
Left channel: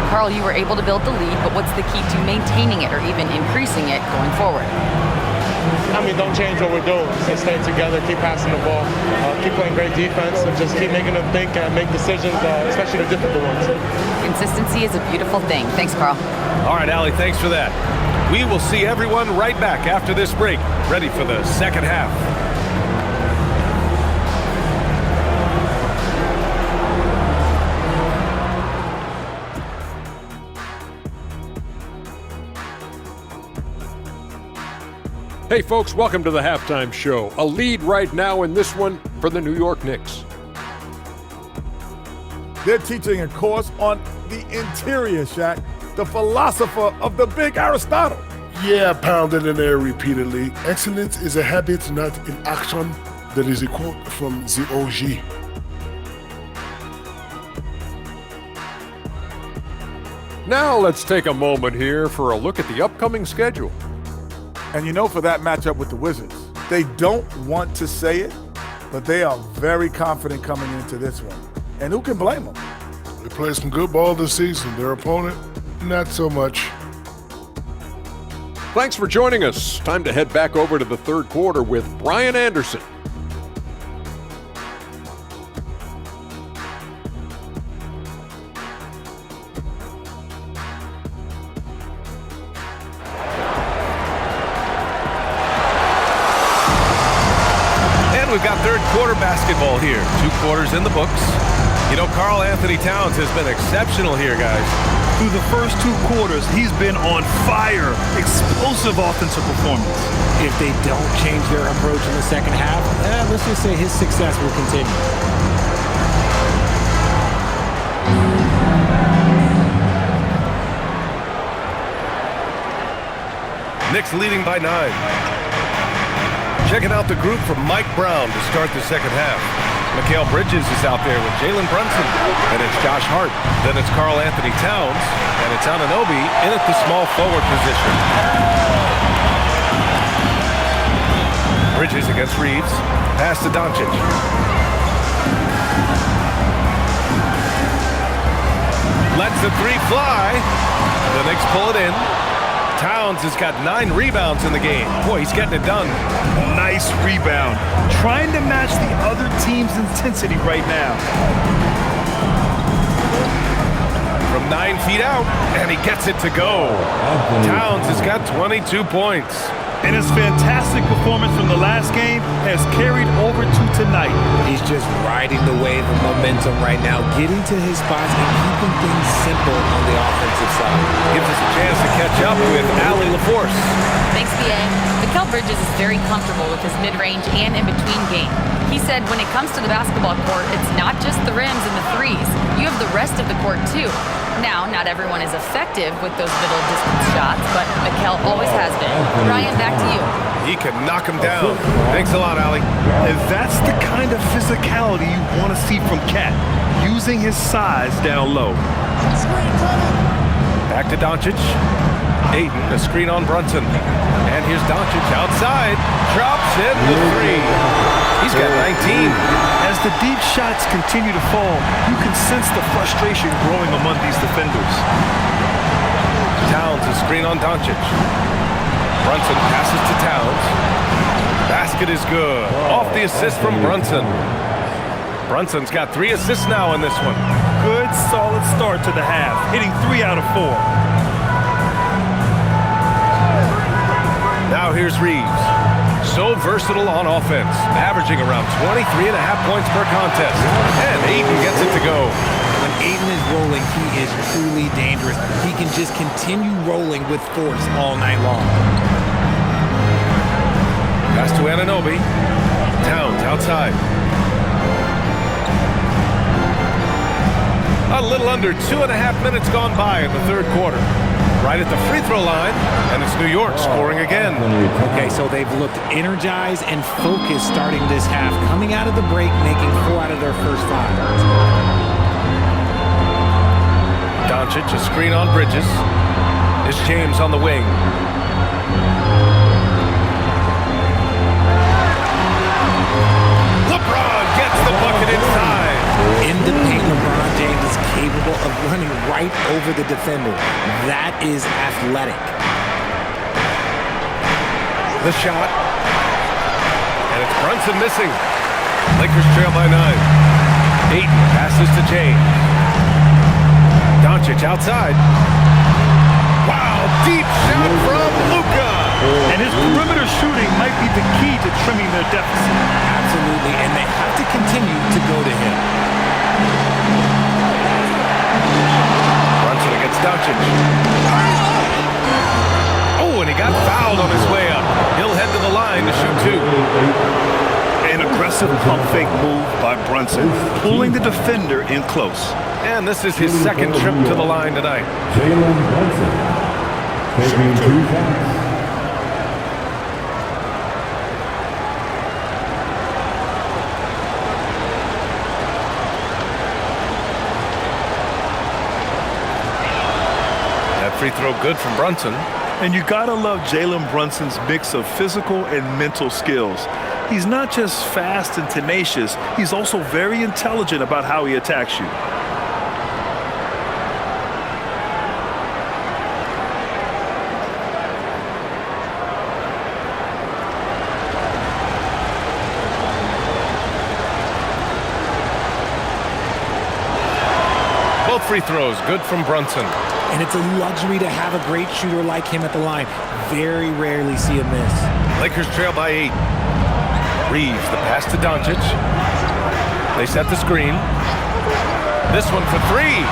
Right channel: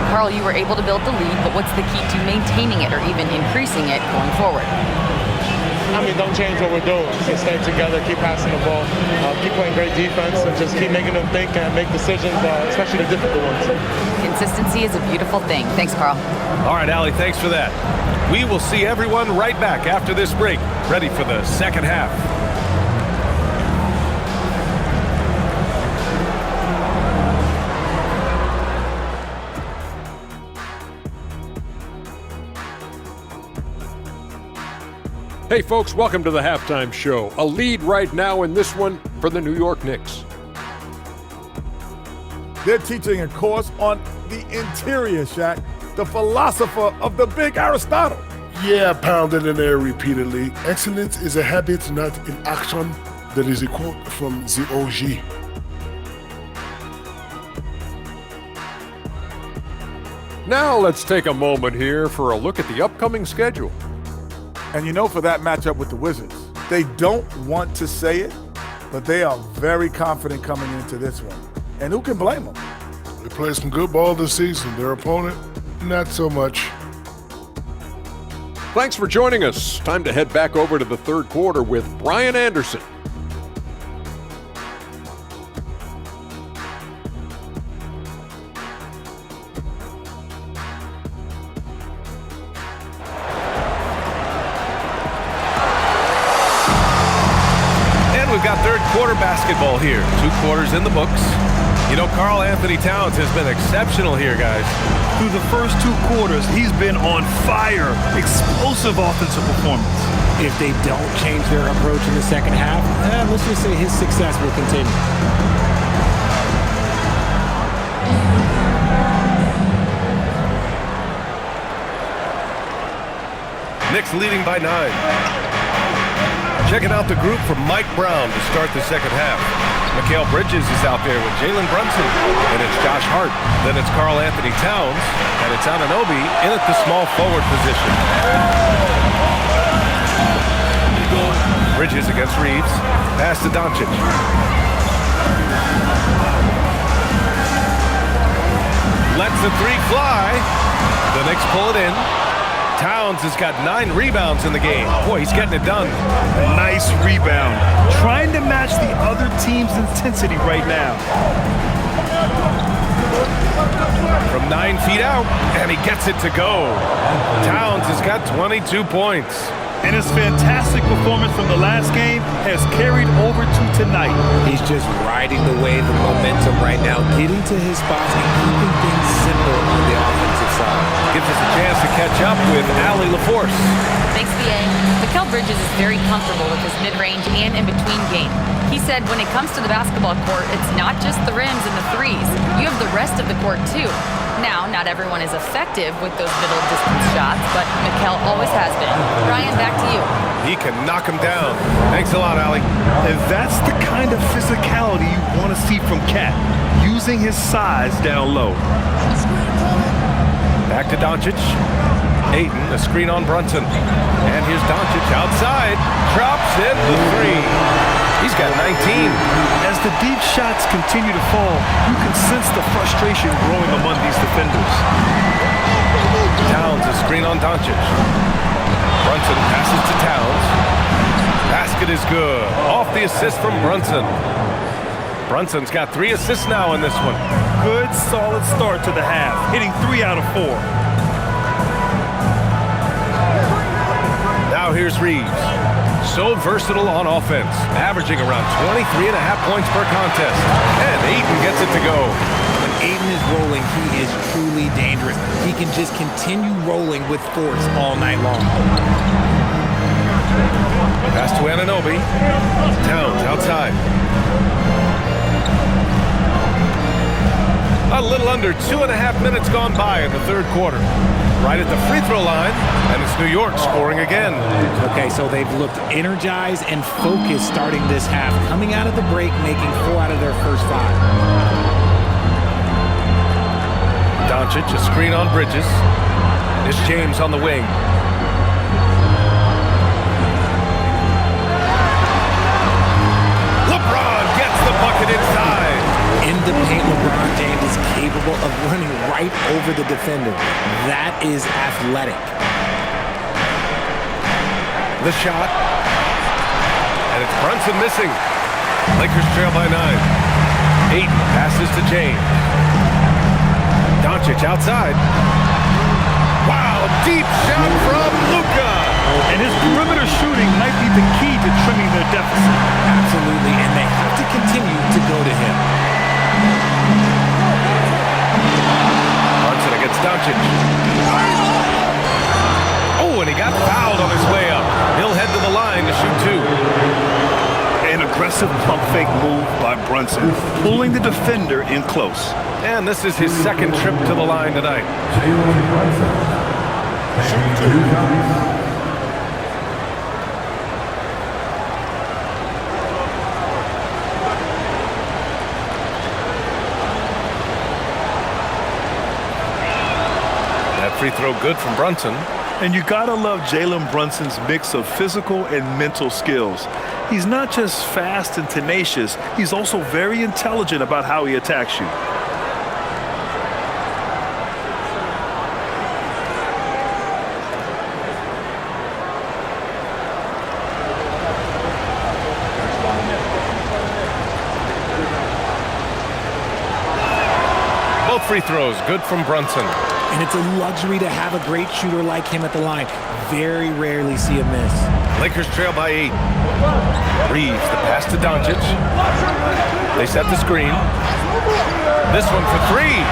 Carl, you were able to build the lead, but what's the key to maintaining it or even increasing it going forward? I mean, don't change what we're doing. Just stay together, keep passing the ball, keep playing great defense, and just keep making them think and make decisions, especially the difficult ones. Consistency is a beautiful thing. Thanks, Carl. All right, Allie, thanks for that. We will see everyone right back after this break, ready for the second half. Hey folks, welcome to the halftime show. A lead right now in this one for the New York Knicks. They're teaching a course on the interior, Shaq, the philosopher of the big Aristotle. Yeah, pounded in there repeatedly. Excellence is a habit, not an action. That is a quote from the OG. Now let's take a moment here for a look at the upcoming schedule. And you know, for that matchup with the Wizards, they don't want to say it, but they are very confident coming into this one. And who can blame them? They played some good ball this season. Their opponent, not so much. Thanks for joining us. Time to head back over to the third quarter with Brian Anderson. And we've got third quarter basketball here. 2 quarters in the books. You know, Karl Anthony Towns has been exceptional here, guys. Through the first 2 quarters, he's been on fire. Explosive offensive performance. If they don't change their approach in the second half, let's just say his success will continue. Knicks leading by 9. Checking out the group from Mike Brown to start the second half. Mikal Bridges is out there with Jalen Brunson. And it's Josh Hart. Then it's Karl Anthony Towns. And it's Anunoby in at the small forward position. Bridges against Reeves. Pass to Doncic. Lets the 3 fly. The Knicks pull it in. Towns has got 9 rebounds in the game. Boy, he's getting it done. Nice rebound. Trying to match the other team's intensity right now. From 9 feet out, and he gets it to go. Towns has got 22 points. And his fantastic performance from the last game has carried over to tonight. He's just riding the wave of momentum right now, getting to his spots and keeping things simple on the offensive side. Gives us a chance to catch up with Allie LaForce. Thanks, B.A. Mikal Bridges is very comfortable with his mid-range and in-between game. He said when it comes to the basketball court, it's not just the rims and the threes. You have the rest of the court, too. Now, not everyone is effective with those middle distance shots, but Mikal always has been. Ryan, back to you. He can knock him down. Thanks a lot, Allie. And that's the kind of physicality you want to see from Cat, using his size down low. Back to Doncic. Ayton, a screen on Brunson. And here's Doncic outside. Drops in the 3. He's got 19. As the deep shots continue to fall, you can sense the frustration growing among these defenders. Towns, a screen on Doncic. Brunson passes to Towns. Basket is good. Off the assist from Brunson. Brunson's got 3 assists now in this one. Good, solid start to the half, hitting 3 out of 4. Now here's Reeves. So versatile on offense, averaging around 23.5 points per contest. And Ayton gets it to go. When Ayton is rolling, he is truly dangerous. He can just continue rolling with force all night long. Pass to Anunoby. Towns outside. A little under 2.5 minutes gone by in the third quarter. Right at the free throw line, and it's New York scoring again. Okay, so they've looked energized and focused starting this half, coming out of the break, making 4 out of their first 5. Doncic, a screen on Bridges. It's James on the wing. LeBron gets the bucket inside. In the paint, LeBron James is capable of running right over the defender. That is athletic. The shot. And it's Brunson missing. Lakers trail by 9. Ayton passes to James. Doncic outside. Wow, deep shot from Luka. And his perimeter shooting might be the key to trimming their deficit. Absolutely, and they have to continue to go to him. Brunson against Doncic. Oh, and he got fouled on his way up. He'll head to the line to shoot 2. An aggressive pump fake move by Brunson, pulling the defender in close. And this is his second trip to the line tonight. Jalen Brunson. Taking 2 shots. free throw good from Brunson. And you gotta love Jalen Brunson's mix of physical and mental skills. He's not just fast and tenacious, he's also very intelligent about how he attacks you. Both free throws good from Brunson. And it's a luxury to have a great shooter like him at the line. Very rarely see a miss. Lakers trail by 8. Reeves, the pass to Doncic. They set the screen. This one for 3.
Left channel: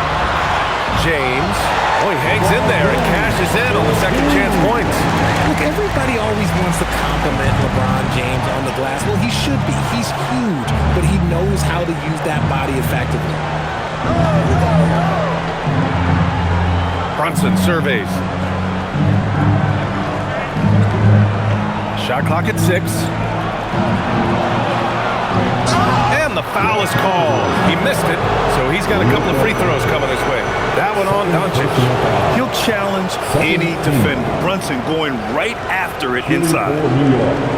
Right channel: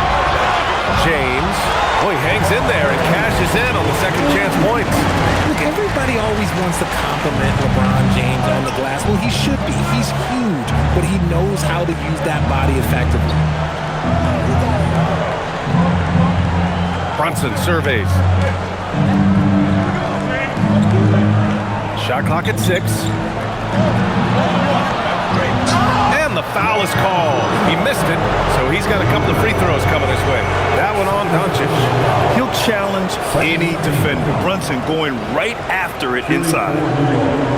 James. Oh, he hangs in there and cashes in on the second chance points. Look, everybody always wants to compliment LeBron James on the glass. Well, he should be. He's huge, but he knows how to use that body effectively. Brunson surveys. Shot clock at 6. And the foul is called. He missed it, so he's got a couple of free throws coming his way. That one on Doncic. He'll challenge any defender. Brunson going right after it inside.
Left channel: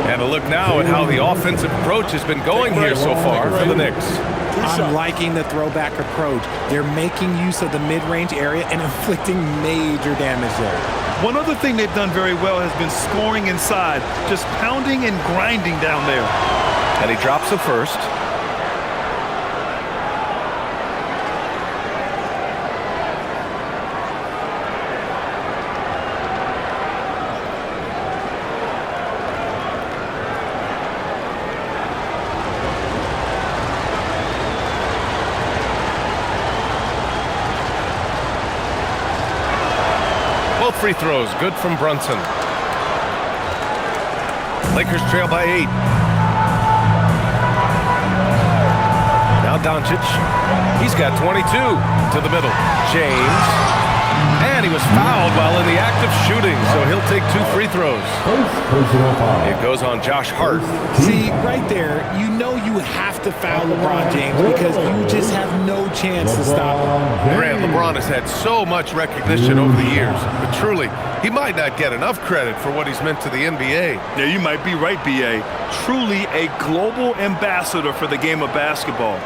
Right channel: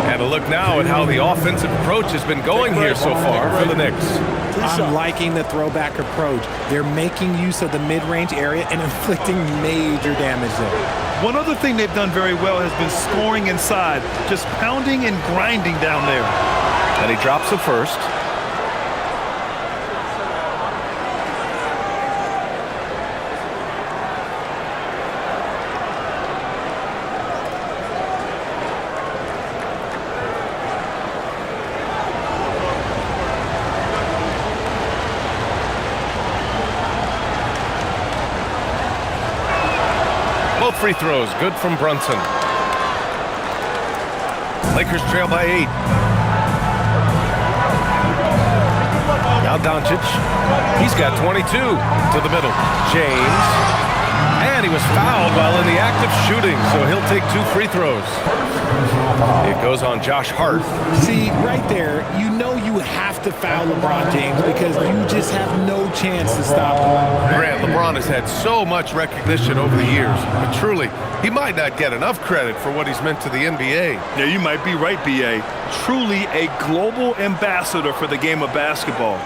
And a look now at how the offensive approach has been going here so far for the Knicks. I'm liking the throwback approach. They're making use of the mid-range area and inflicting major damage there. One other thing they've done very well has been scoring inside, just pounding and grinding down there. And he drops the first. Both free throws good from Brunson. Lakers trail by 8. Now Doncic. He's got 22 to the middle. James. And he was fouled while in the act of shooting, so he'll take 2 free throws. It goes on Josh Hart. See, right there, you know you have to foul LeBron James because you just have no chance to stop him. Grant, LeBron has had so much recognition over the years, but truly, he might not get enough credit for what he's meant to the NBA. Yeah, you might be right, B.A. Truly a global ambassador for the game of basketball.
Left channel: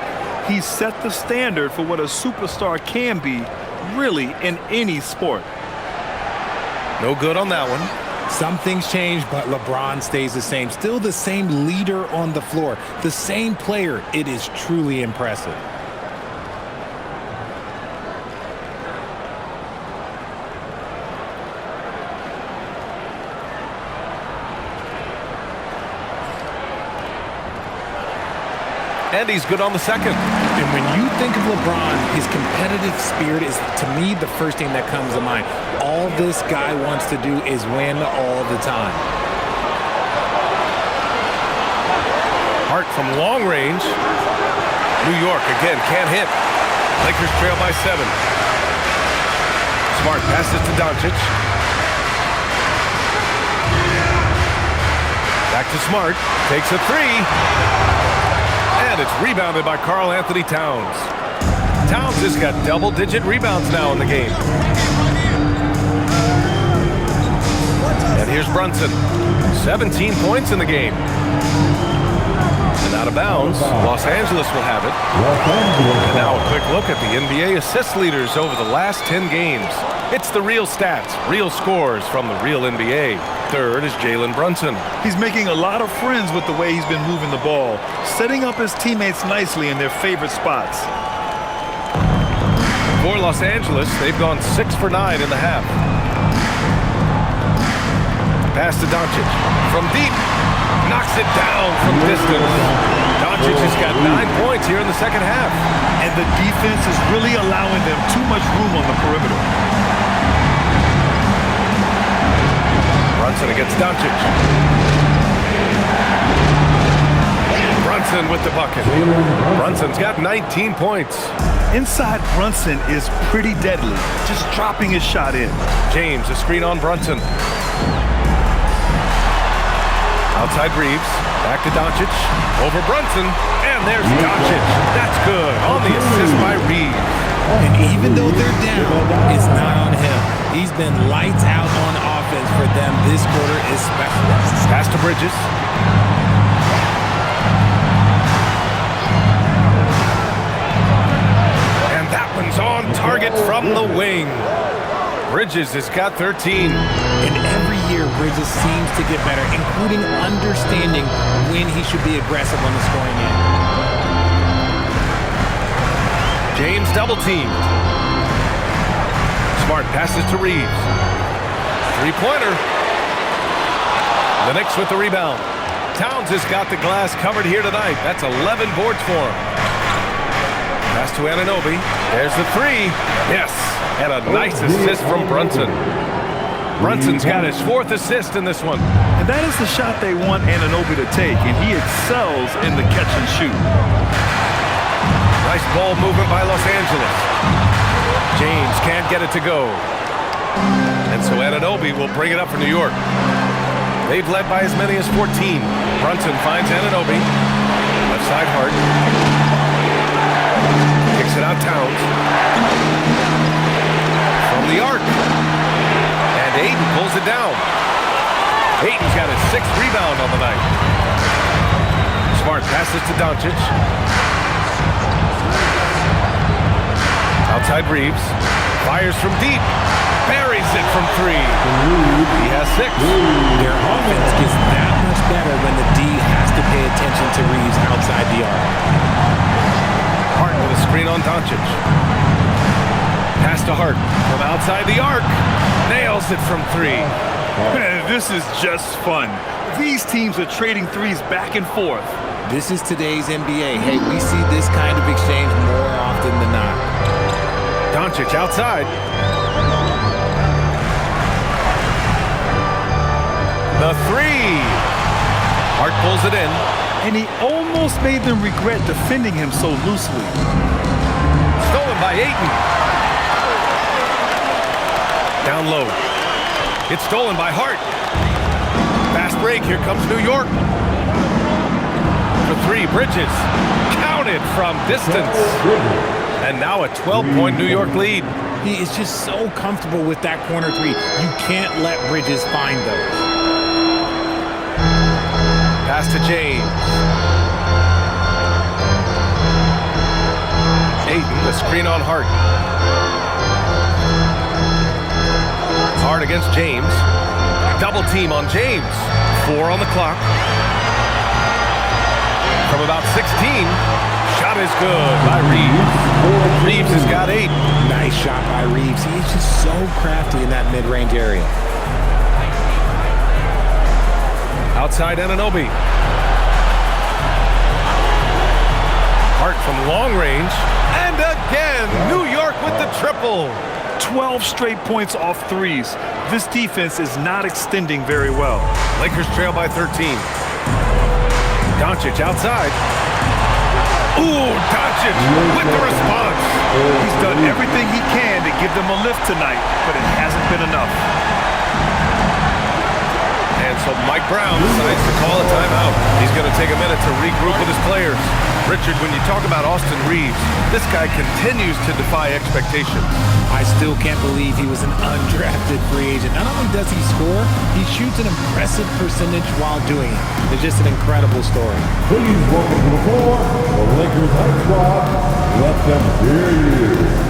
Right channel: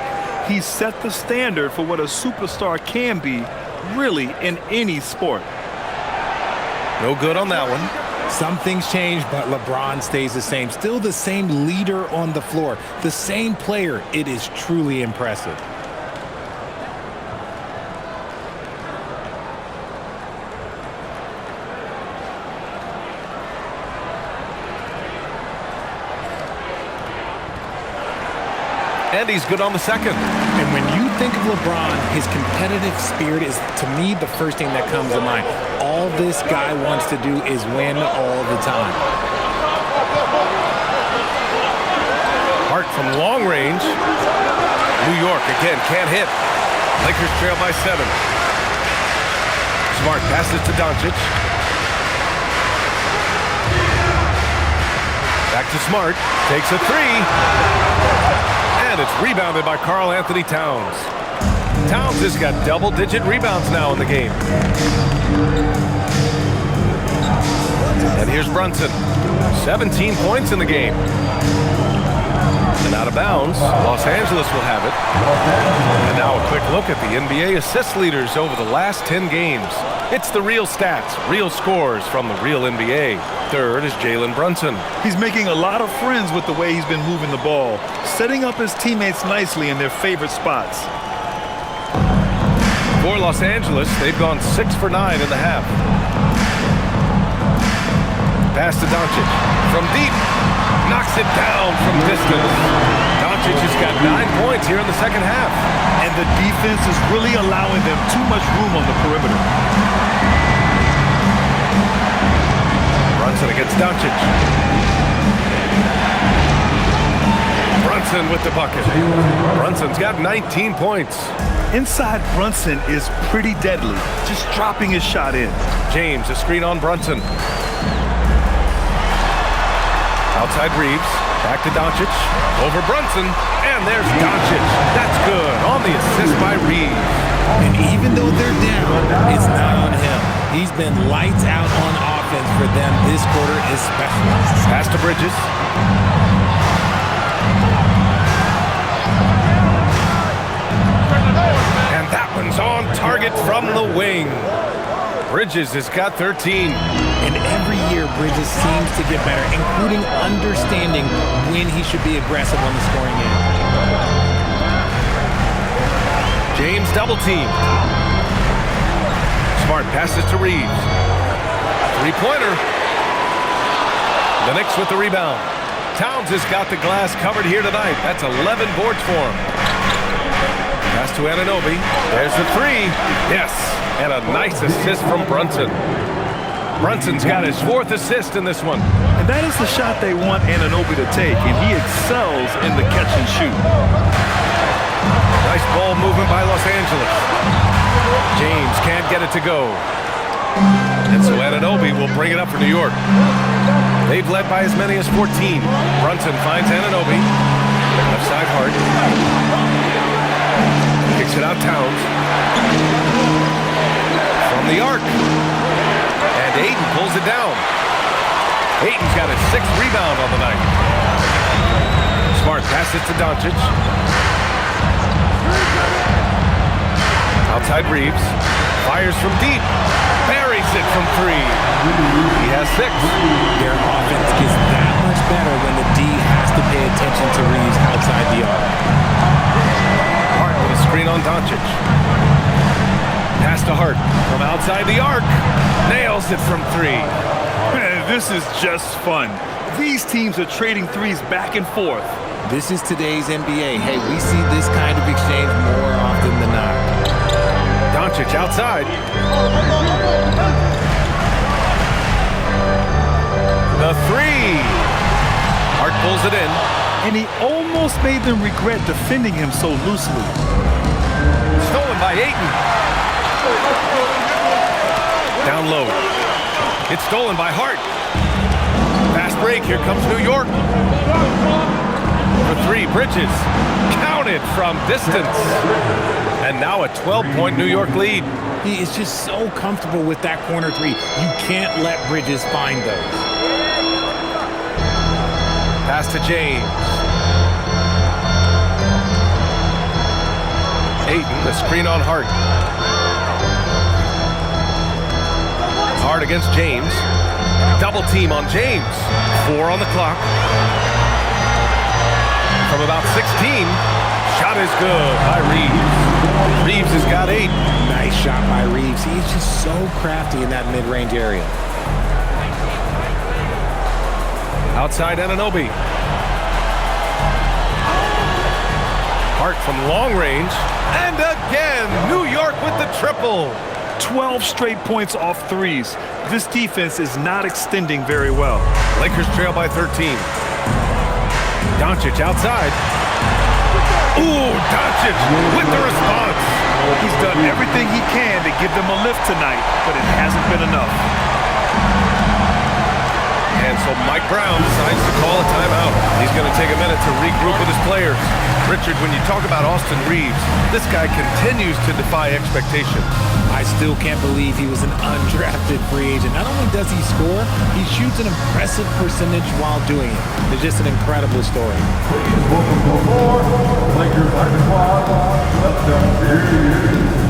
He's set the standard for what a superstar can be, really, in any sport. No good on that one. Some things change, but LeBron stays the same. Still the same leader on the floor, the same player. It is truly impressive. And he's good on the second. And when you think of LeBron, his competitive spirit is, to me, the first thing that comes to mind. All this guy wants to do is win all the time. Hart from long range. New York again can't hit. Lakers trail by 7. Smart passes to Doncic. Back to Smart. Takes a 3. And it's rebounded by Karl Anthony Towns. Towns has got double-digit rebounds now in the game. And here's Brunson. 17 points in the game. And out of bounds, Los Angeles will have it. And now a quick look at the NBA assist leaders over the last 10 games. It's the real stats, real scores from the real NBA. Third is Jalen Brunson. He's making a lot of friends with the way he's been moving the ball, setting up his teammates nicely in their favorite spots. For Los Angeles, they've gone 6 for 9 in the half. Pass to Doncic. From deep. Knocks it down from distance. Doncic has got 9 points here in the second half. And the defense is really allowing them too much room on the perimeter. Brunson against Doncic. Brunson with the bucket. Brunson's got 19 points. Inside Brunson is pretty deadly, just dropping his shot in. James, a screen on Brunson. Outside Reeves, back to Doncic, over Brunson, and there's Doncic. That's good on the assist by Reeves. And even though they're down, it's not on him. He's been lights out on offense for them this quarter especially. Pass to Bridges. And that one's on target from the wing. Bridges has got 13. And every year, Bridges seems to get better, including understanding when he should be aggressive on the scoring end. James double teamed. Smart passes to Reeves. Three-pointer. The Knicks with the rebound. Towns has got the glass covered here tonight. That's 11 boards for him. Pass to Anunoby. There's the three. Yes. And a nice assist from Brunson. Brunson's got his 4th assist in this one. And that is the shot they want Anunoby to take, and he excels in the catch and shoot. Nice ball movement by Los Angeles. James can't get it to go. And so Anunoby will bring it up for New York. They've led by as many as 14. Brunson finds Anunoby. Left side Hart. Kicks it out Towns. From the arc. And Ayton pulls it down. Ayton's got his 6th rebound on the night. Smart passes to Doncic. Outside Reeves. Fires from deep. Buries it from 3. He has 6. Their offense gets that much better when the D has to pay attention to Reeves outside the arc. Hart with a screen on Doncic. Pass to Hart from outside the arc. Nails it from 3. Man, this is just fun. These teams are trading threes back and forth. This is today's NBA. Hey, we see this kind of exchange more often than not. Doncic outside. The 3. Hart pulls it in. And he almost made them regret defending him so loosely. Stolen by Ayton. Down low. It's stolen by Hart. Fast break. Here comes New York. For 3, Bridges. Counted from distance. And now a 12-point New York lead. He is just so comfortable with that corner 3. You can't let Bridges find those. Pass to James. Ayton, the screen on Hart. Hart against James. Double team on James. 4 on the clock. From about 16. Shot is good by Reeves. Reeves has got 8. Nice shot by Reeves. He is just so crafty in that mid-range area. Outside Anunoby. Hart from long range. And again, New York with the triple. 12 straight points off threes. This defense is not extending very well. Lakers trail by 13. Doncic outside. Ooh, Doncic with the response. He's done everything he can to give them a lift tonight, but it hasn't been enough. And so Mike Brown decides to call a timeout. He's going to take a minute to regroup with his players. Richard, when you talk about Austin Reeves, this guy continues to defy expectations. I still can't believe he was an undrafted free agent. Not only does he score, he shoots an impressive percentage while doing it. It's just an incredible story. Please welcome to the floor, the Lakers High Squad. Let them hear you.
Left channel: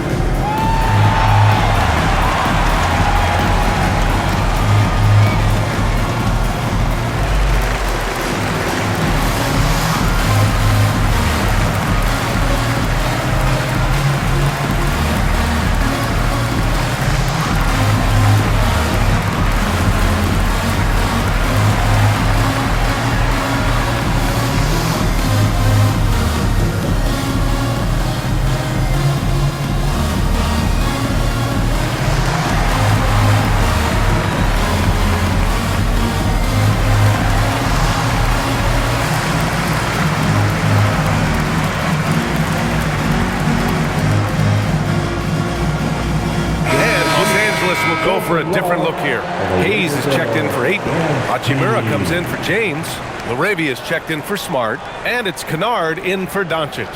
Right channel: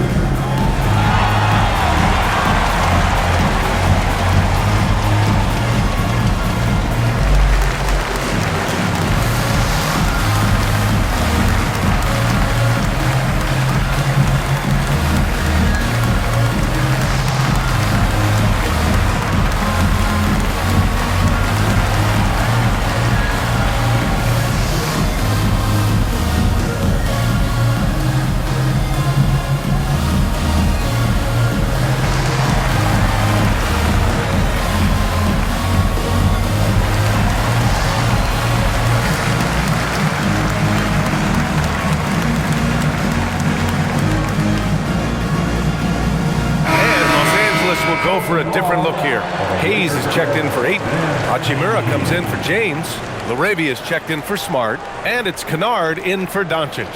Will go for a different look here. Hayes is checked in for Ayton. Hachimura comes in for James. Laravia is checked in for Smart. And it's Kennard in for Doncic.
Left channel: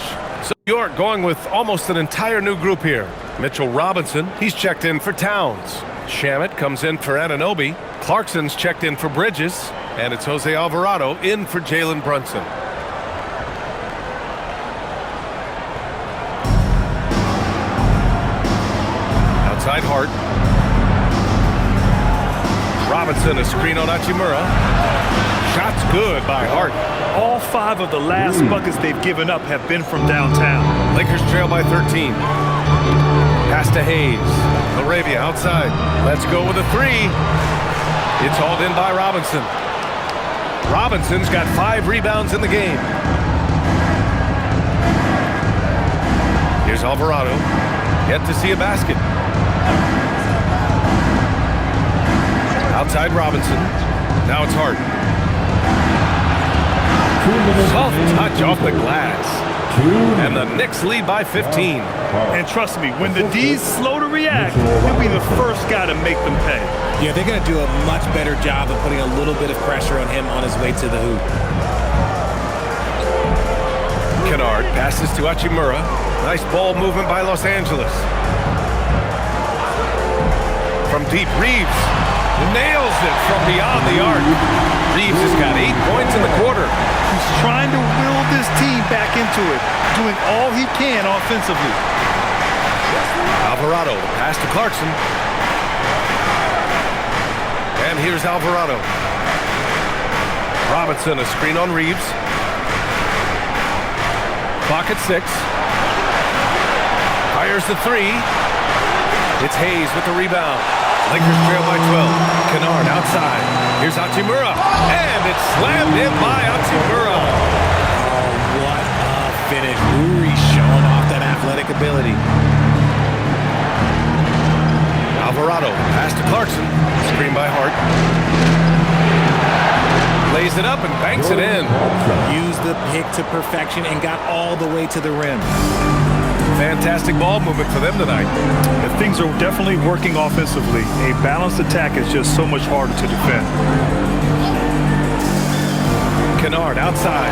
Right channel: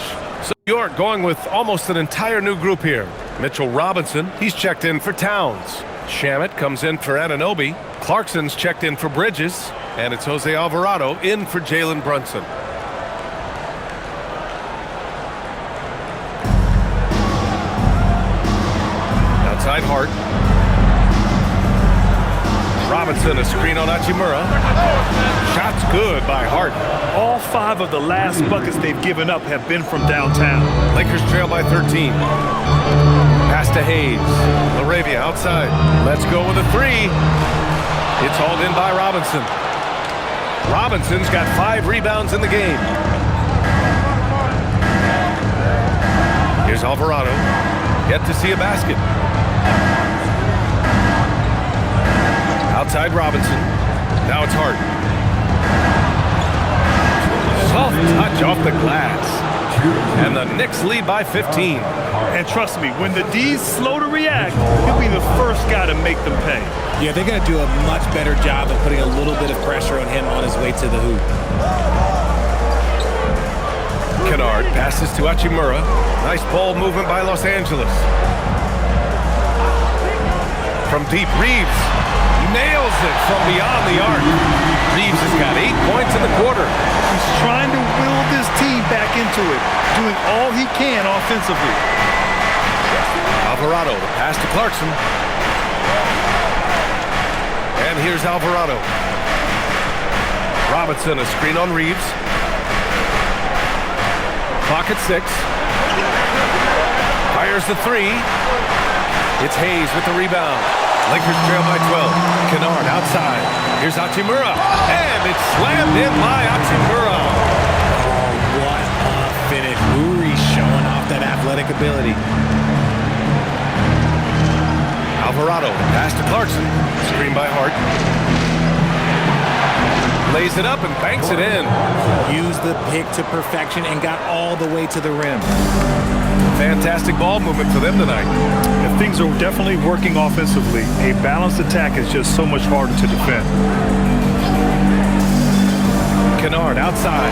So York going with almost an entire new group here. Mitchell Robinson, he's checked in for Towns. Shamet comes in for Anunoby. Clarkson's checked in for Bridges. And it's Jose Alvarado in for Jalen Brunson. Outside Hart. Robinson, a screen on Hachimura. Shot's good by Hart. All 5 of the last buckets they've given up have been from downtown. Lakers trail by 13. Pass to Hayes. LaRavia outside. Let's go with a 3. It's hauled in by Robinson. Robinson's got 5 rebounds in the game. Here's Alvarado. Yet to see a basket. Outside Robinson. Now it's Hart. Soft touch off the glass. And the Knicks lead by 15. And trust me, when the D's slow to react, he'll be the first guy to make them pay. Yeah, they're going to do a much better job of putting a little bit of pressure on him on his way to the hoop. Kennard passes to Hachimura. Nice ball movement by Los Angeles. From deep, Reeves nails it from beyond the arc. Reeves has got 8 points in the quarter. He's trying to will this team back into it, doing all he can offensively. Alvarado, the pass to Clarkson. And here's Alvarado. Robinson, a screen on Reeves. Clock at 6. Fires the 3. It's Hayes with the rebound. Lakers trail by 12. Kennard outside. Here's Hachimura. And it's slammed in by Hachimura. Oh, what a finish. Uri showing off that athletic ability. Alvarado, pass to Clarkson. Screen by Hart. Lays it up and banks it in. Used the pick to perfection and got all the way to the rim. Fantastic ball movement for them tonight. If things are definitely working offensively, a balanced attack is just so much harder to defend. Kennard outside.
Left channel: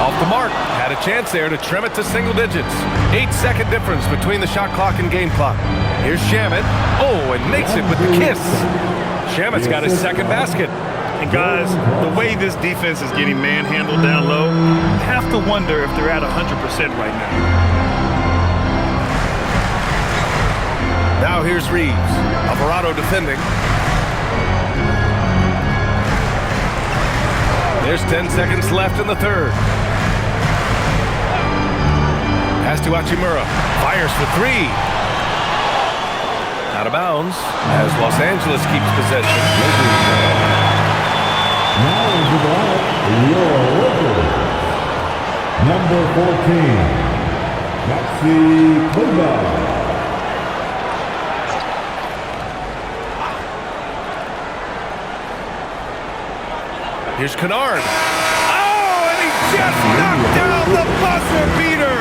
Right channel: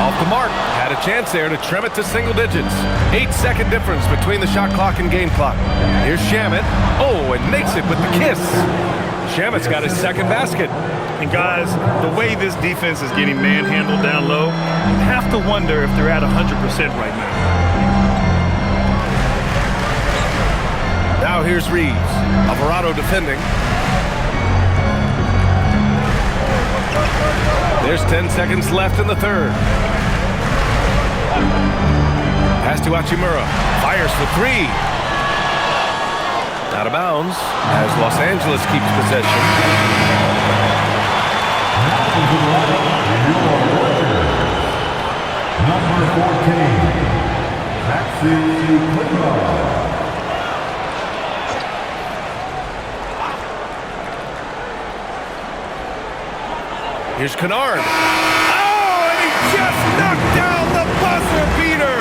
Off the mark. Had a chance there to trim it to single digits. 8-second difference between the shot clock and game clock. Here's Shamet. Oh, and makes it with the kiss. Shamet's got his second basket. And guys, the way this defense is getting manhandled down low, you have to wonder if they're at 100% right now. Now here's Reeves. Alvarado defending. There's 10 seconds left in the third. Pass to Hachimura. Fires for 3. Out of bounds as Los Angeles keeps possession. Now into the lineup, your worker. Number 14, Maxi Kleber. Here's Kennard. Oh, and he just knocked down the buzzer beater.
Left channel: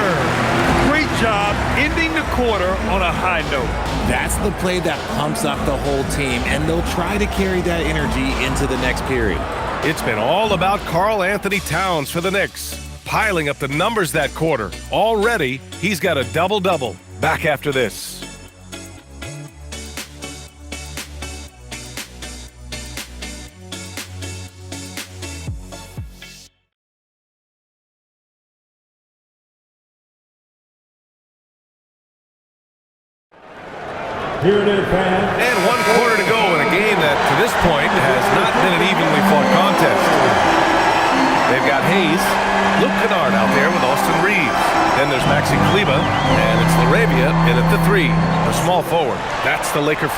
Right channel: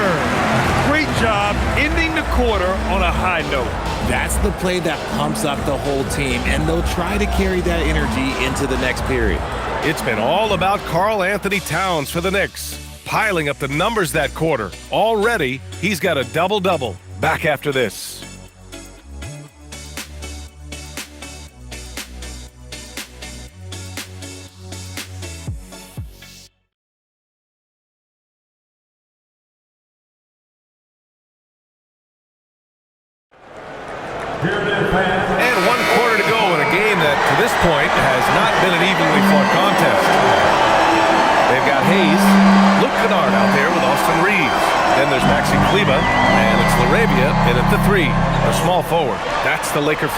Great job ending the quarter on a high note. That's the play that pumps up the whole team, and they'll try to carry that energy into the next period. It's been all about Karl Anthony Towns for the Knicks, piling up the numbers that quarter. Already, he's got a double-double. Back after this. Here it is, fans. And 1 quarter to go in a game that, to this point, has not been an evenly fought contest. They've got Hayes, Luke Kennard out there with Austin Reeves. Then there's Maxi Kleber, and it's LaRavia in at the 3, a small forward. That's the Laker 5.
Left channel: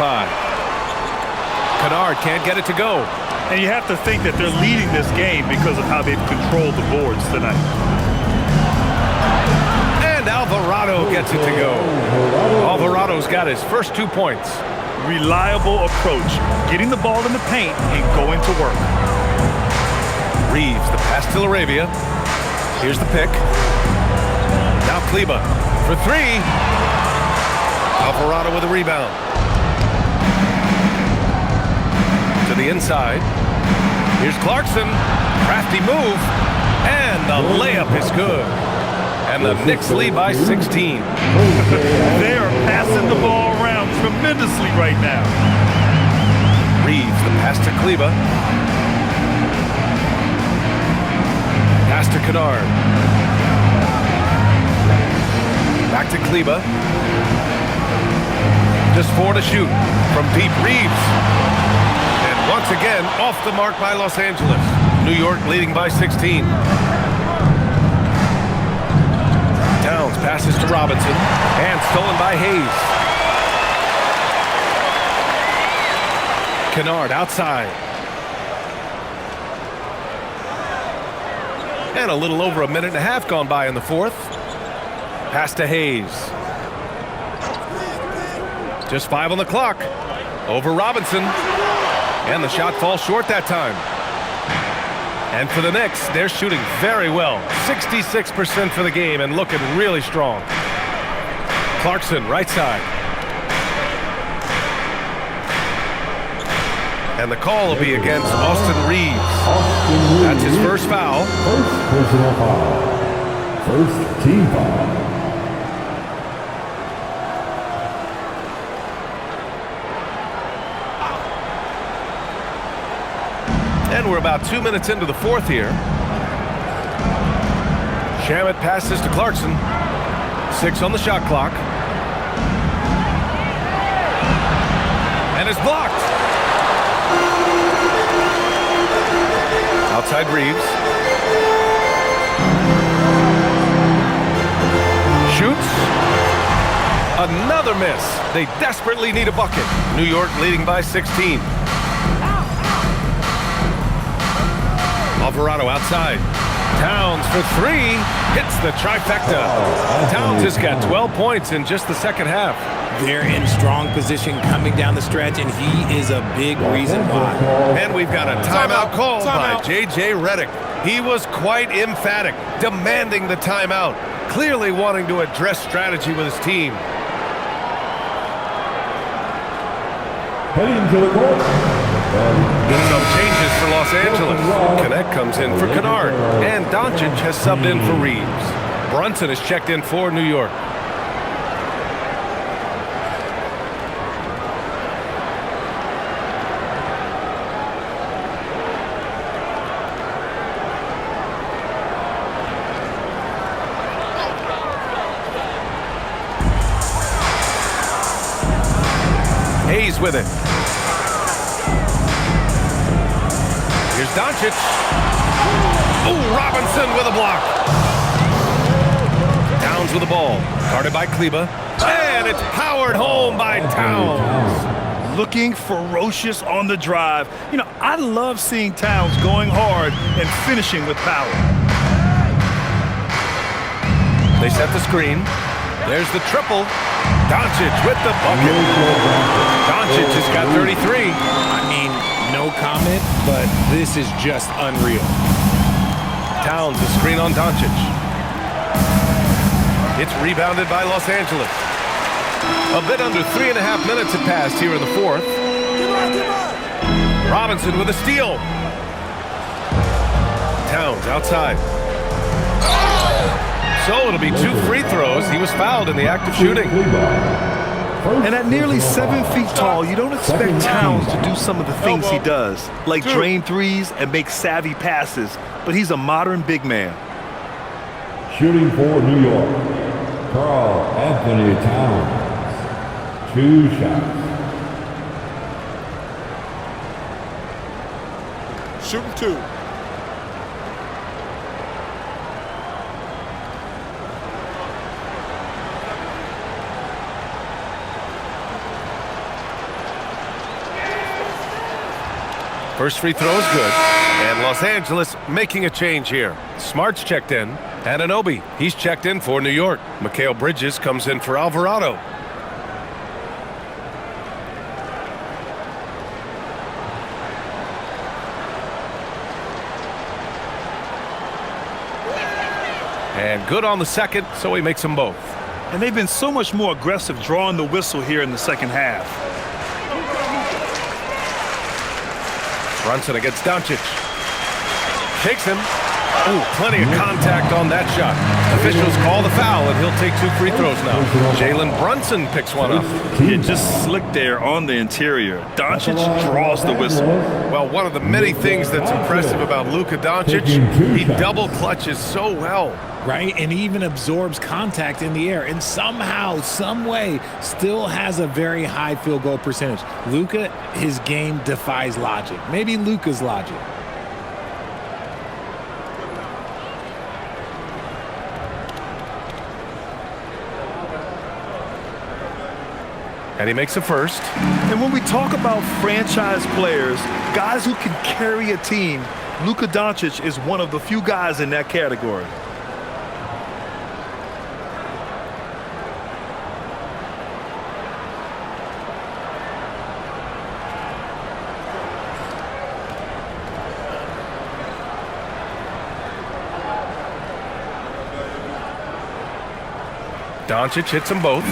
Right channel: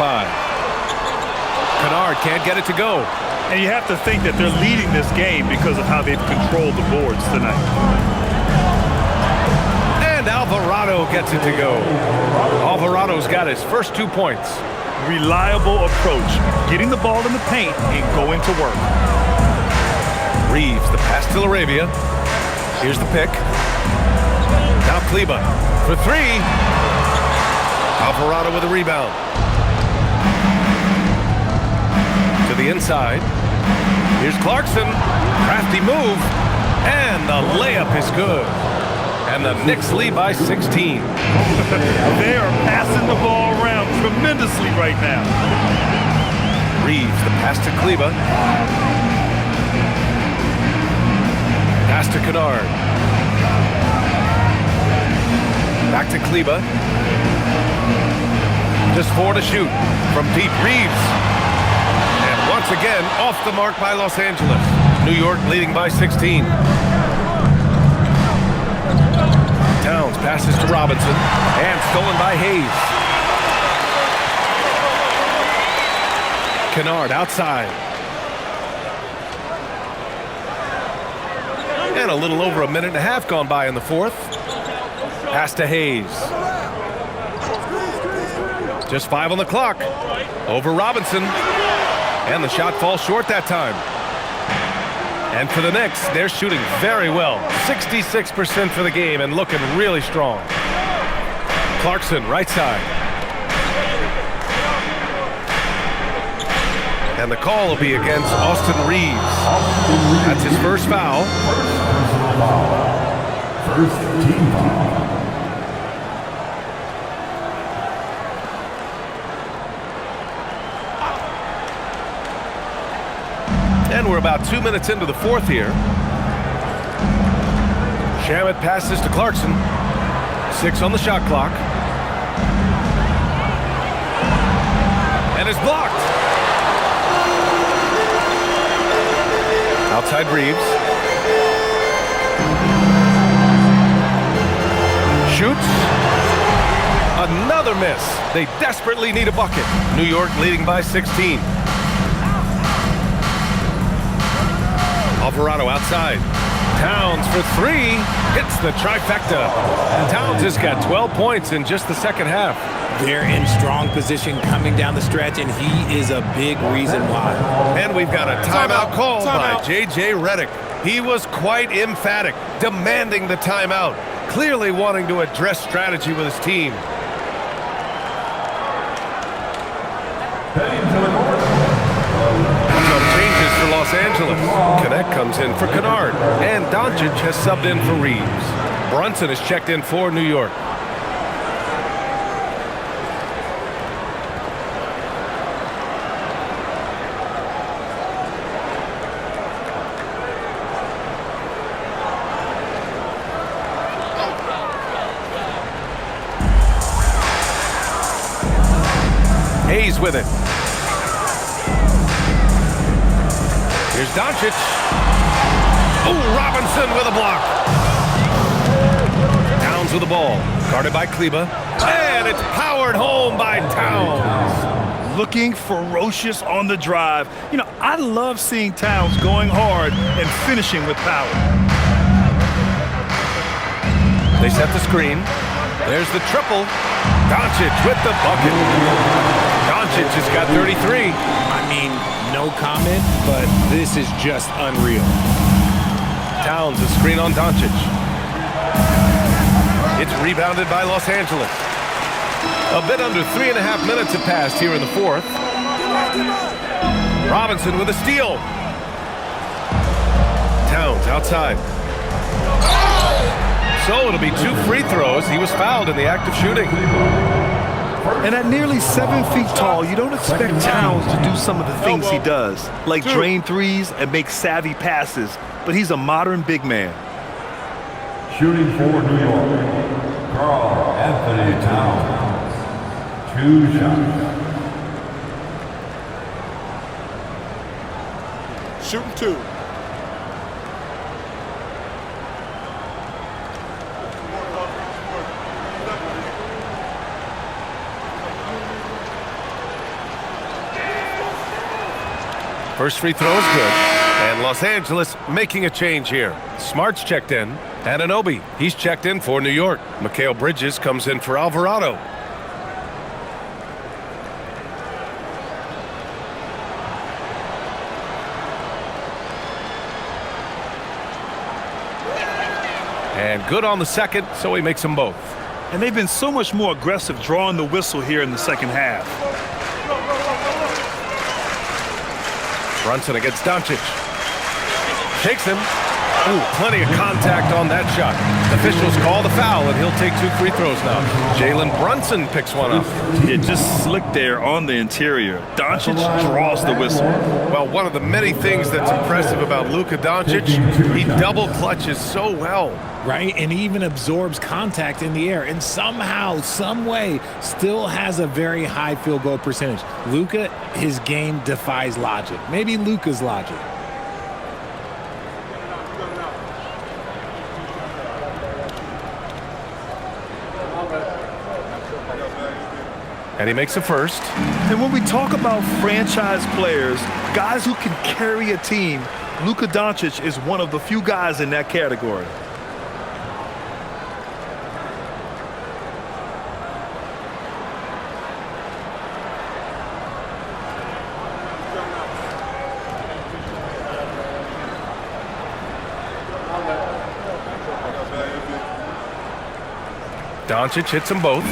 Kennard can't get it to go. And you have to think that they're leading this game because of how they've controlled the boards tonight. And Alvarado gets it to go. Alvarado's got his first 2 points. Reliable approach, getting the ball in the paint and going to work. Reeves, the pass to LaRavia. Here's the pick. Now Kleber for 3. Alvarado with a rebound. To the inside. Here's Clarkson. Crafty move. And the layup is good. And the Knicks lead by 16. They are passing the ball around tremendously right now. Reeves, the pass to Kleba. Pass to Kennard. Back to Kleba. Just 4 to shoot from Pete Reeves. And once again, off the mark by Los Angeles. New York leading by 16. Towns passes to Robinson and stolen by Hayes. Kennard outside. And a little over a minute and a half gone by in the fourth. Pass to Hayes. Just 5 on the clock. Over Robinson. And the shot falls short that time. And for the Knicks, they're shooting very well. 66% for the game and looking really strong. Clarkson, right side. And the call will be against Austin Reeves. That's his first foul. First personal foul. First team foul. And we're about 2 minutes into the fourth here. Shamet passes to Clarkson. 6 on the shot clock. And it's blocked. Outside Reeves. Shoots. Another miss. They desperately need a bucket. New York leading by 16. Alvarado outside. Towns for 3. Hits the trifecta. Towns has got 12 points in just the second half. They're in strong position coming down the stretch, and he is a big reason why. And we've got a timeout called by J.J. Redick. He was quite emphatic, demanding the timeout, clearly wanting to address strategy with his team. Heading to the court. Some changes for Los Angeles. Connect comes in for Kennard, and Doncic has subbed in for Reeves. Brunson is checked in for New York. Hayes with it. Here's Doncic. Oh, Robinson with a block. Towns with the ball. Guarded by Kleba. And it's powered home by Towns. Looking ferocious on the drive. You know, I love seeing Towns going hard and finishing with power. They set the screen. There's the triple. Doncic with the bucket. Doncic has got 33. I mean, no comment, but this is just unreal. Towns a screen on Doncic. It's rebounded by Los Angeles. A bit under 3.5 minutes have passed here in the fourth. Robinson with a steal. Towns outside. So it'll be 2 free throws. He was fouled in the act of shooting. And at nearly 7 feet tall, you don't expect Towns to do some of the things he does, like drain threes and make savvy passes, but he's a modern big man. Shooting for New York, Karl Anthony Towns. 2 shots. Shooting 2. First free throw is good. And Los Angeles making a change here. Smart's checked in. Anunoby, he's checked in for New York. Mikal Bridges comes in for Alvarado. And good on the second, so he makes them both. And they've been so much more aggressive drawing the whistle here in the second half. Brunson against Doncic. Shakes him. Ooh, plenty of contact on that shot. Officials call the foul, and he'll take 2 free throws now. Jalen Brunson picks one up. Yeah, just slick there on the interior. Doncic draws the whistle. Well, one of the many things that's impressive about Luka Doncic, he double clutches so well. Right, and he even absorbs contact in the air, and somehow, some way, still has a very high field goal percentage. Luka, his game defies logic. Maybe Luka's logic. And he makes a first. And when we talk about franchise players, guys who can carry a team, Luka Doncic is one of the few guys in that category. Doncic hits them both.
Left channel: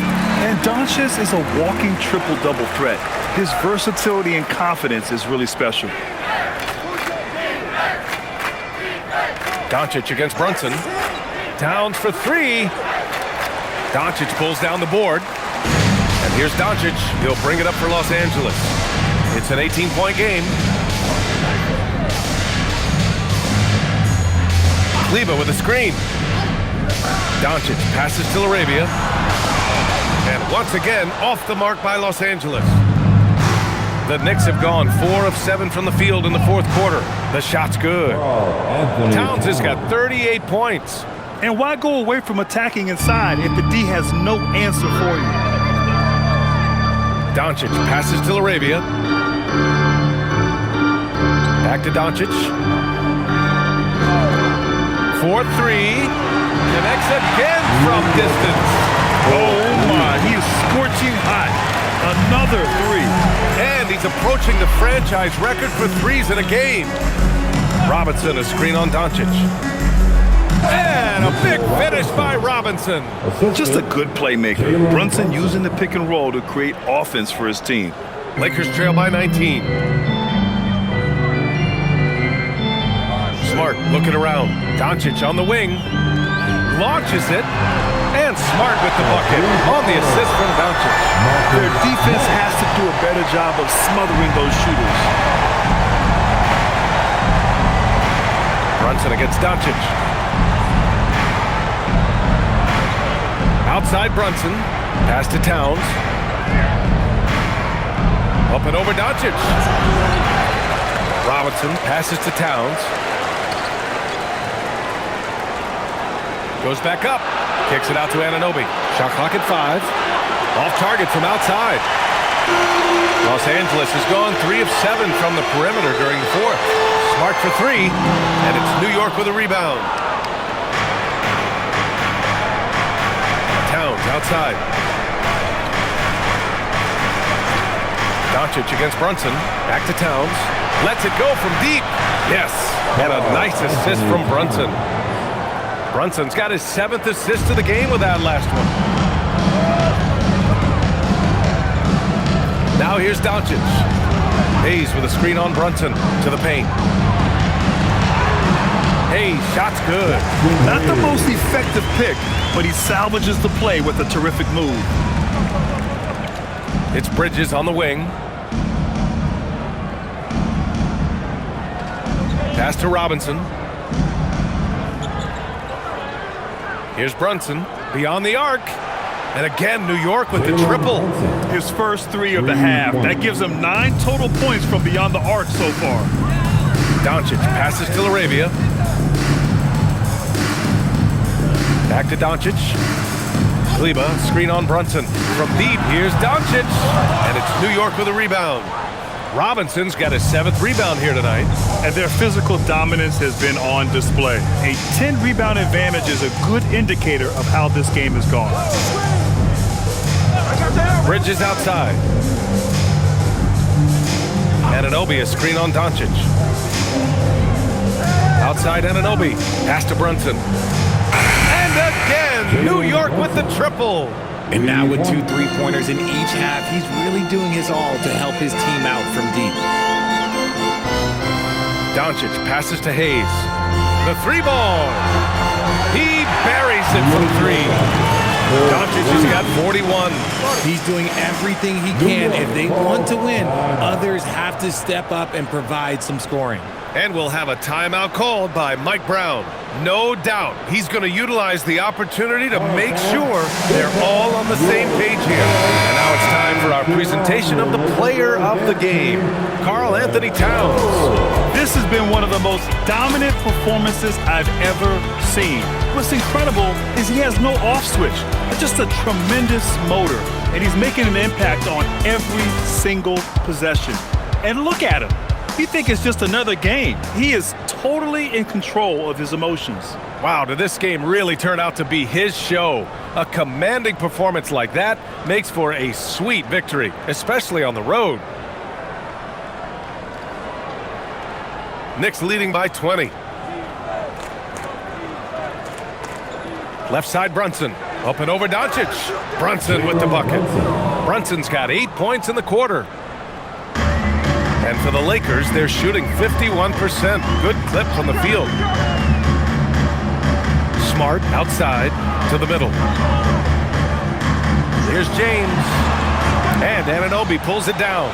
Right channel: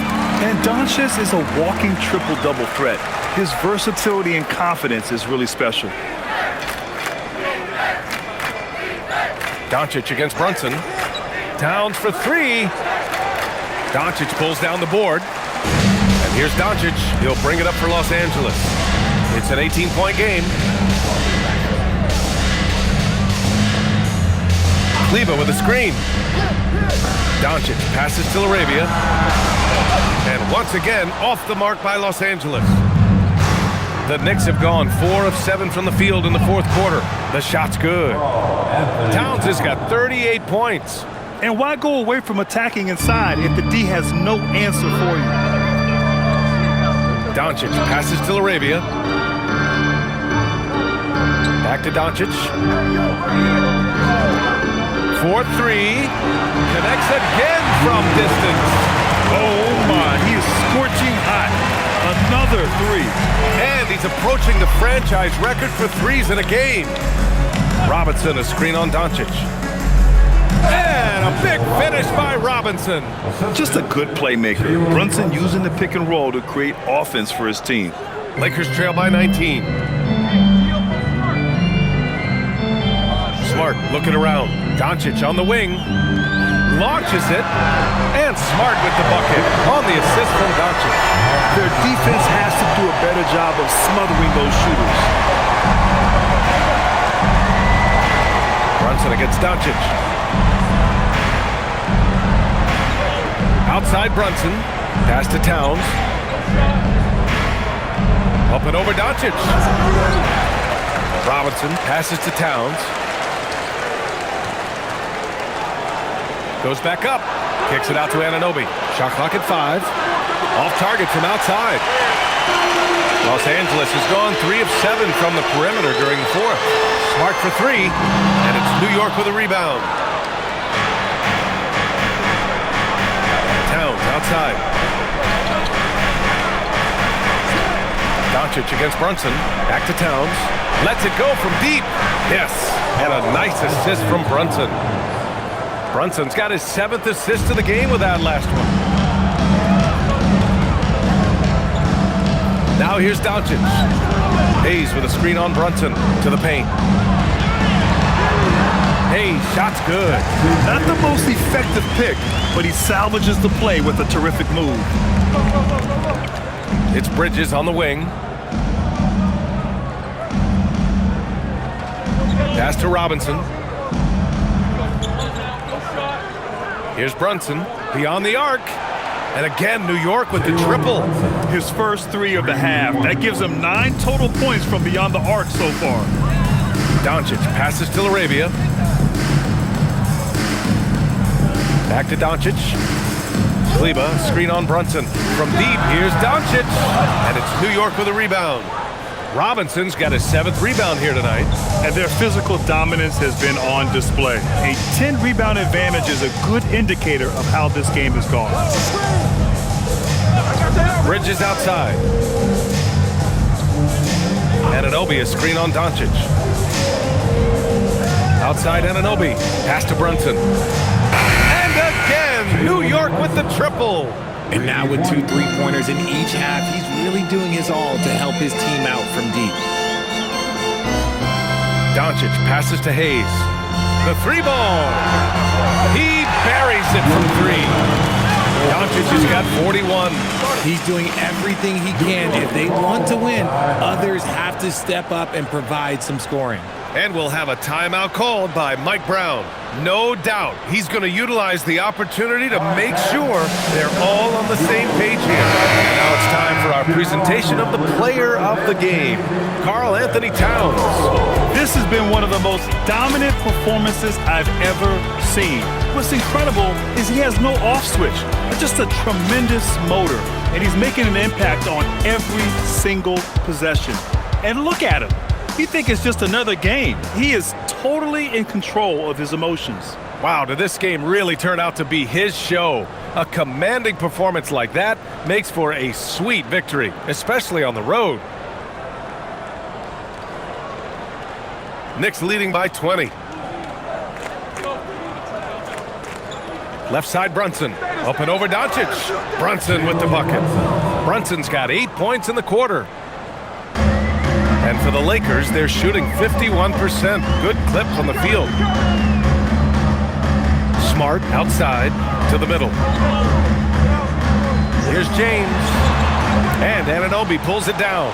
And Doncic is a walking triple-double threat. His versatility and confidence is really special. Doncic against Brunson. Towns for 3. Doncic pulls down the board. And here's Doncic. He'll bring it up for Los Angeles. It's an 18-point game. Kleber with a screen. Doncic passes to Arabia. And once again, off the mark by Los Angeles. The Knicks have gone 4 of 7 from the field in the fourth quarter. The shot's good. Towns has got 38 points. And why go away from attacking inside if the D has no answer for you? Doncic passes to Arabia. Back to Doncic. 4-3. Connects again from distance. Oh my, he is scorching hot. Another 3. And he's approaching the franchise record for threes in a game. Robinson, a screen on Doncic. And a big finish by Robinson. Just a good playmaker. Brunson using the pick and roll to create offense for his team. Lakers trail by 19. Smart looking around. Doncic on the wing. Launches it. And Smart with the bucket on the assist from Doncic. Their defense has to do a better job of smothering those shooters. Brunson against Doncic. Outside Brunson. Pass to Towns. Up and over Doncic. Robinson passes to Towns. Goes back up. Kicks it out to Anunoby. Shot clock at 5. Off target from outside. Los Angeles has gone 3 of 7 from the perimeter during the fourth. Smart for 3. And it's New York with a rebound. Towns outside. Doncic against Brunson. Back to Towns. Lets it go from deep. Yes. And a nice assist from Brunson. Brunson's got his 7th assist of the game with that last one. Now here's Doncic. Hayes with a screen on Brunson to the paint. Hayes, shot's good. Not the most effective pick, but he salvages the play with a terrific move. It's Bridges on the wing. Pass to Robinson. Here's Brunson beyond the arc. And again, New York with the triple. His first 3 of the half. That gives him 9 total points from beyond the arc so far. Doncic passes to Arabia. Back to Doncic. Kleber, screen on Brunson. From deep, here's Doncic. And it's New York with a rebound. Robinson's got his 7th rebound here tonight. And their physical dominance has been on display. A 10-rebound advantage is a good indicator of how this game has gone. Bridges outside. Anunoby, a screen on Doncic. Outside Anunoby. Pass to Brunson. And again, New York with the triple. And now with 2 3-pointers in each half, he's really doing his all to help his team out from deep. Doncic passes to Hayes. The three ball. He buries it from three. Doncic has got 41. He's doing everything he can. If they want to win, others have to step up and provide some scoring. And we'll have a timeout called by Mike Brown. No doubt he's going to utilize the opportunity to make sure they're all on the same page here. And now it's time for our presentation of the player of the game, Karl Anthony Towns. This has been one of the most dominant performances I've ever seen. What's incredible is he has no off switch, just a tremendous motor, and he's making an impact on every single possession. And look at him. You think it's just another game. He is totally in control of his emotions. Wow, did this game really turn out to be his show? A commanding performance like that makes for a sweet victory, especially on the road. Knicks leading by 20. Left side, Brunson. Up and over Doncic. Brunson with the bucket. Brunson's got 8 points in the quarter. And for the Lakers, they're shooting 51%. Good clip from the field. Smart outside to the middle. Here's James. And Anunoby pulls it down.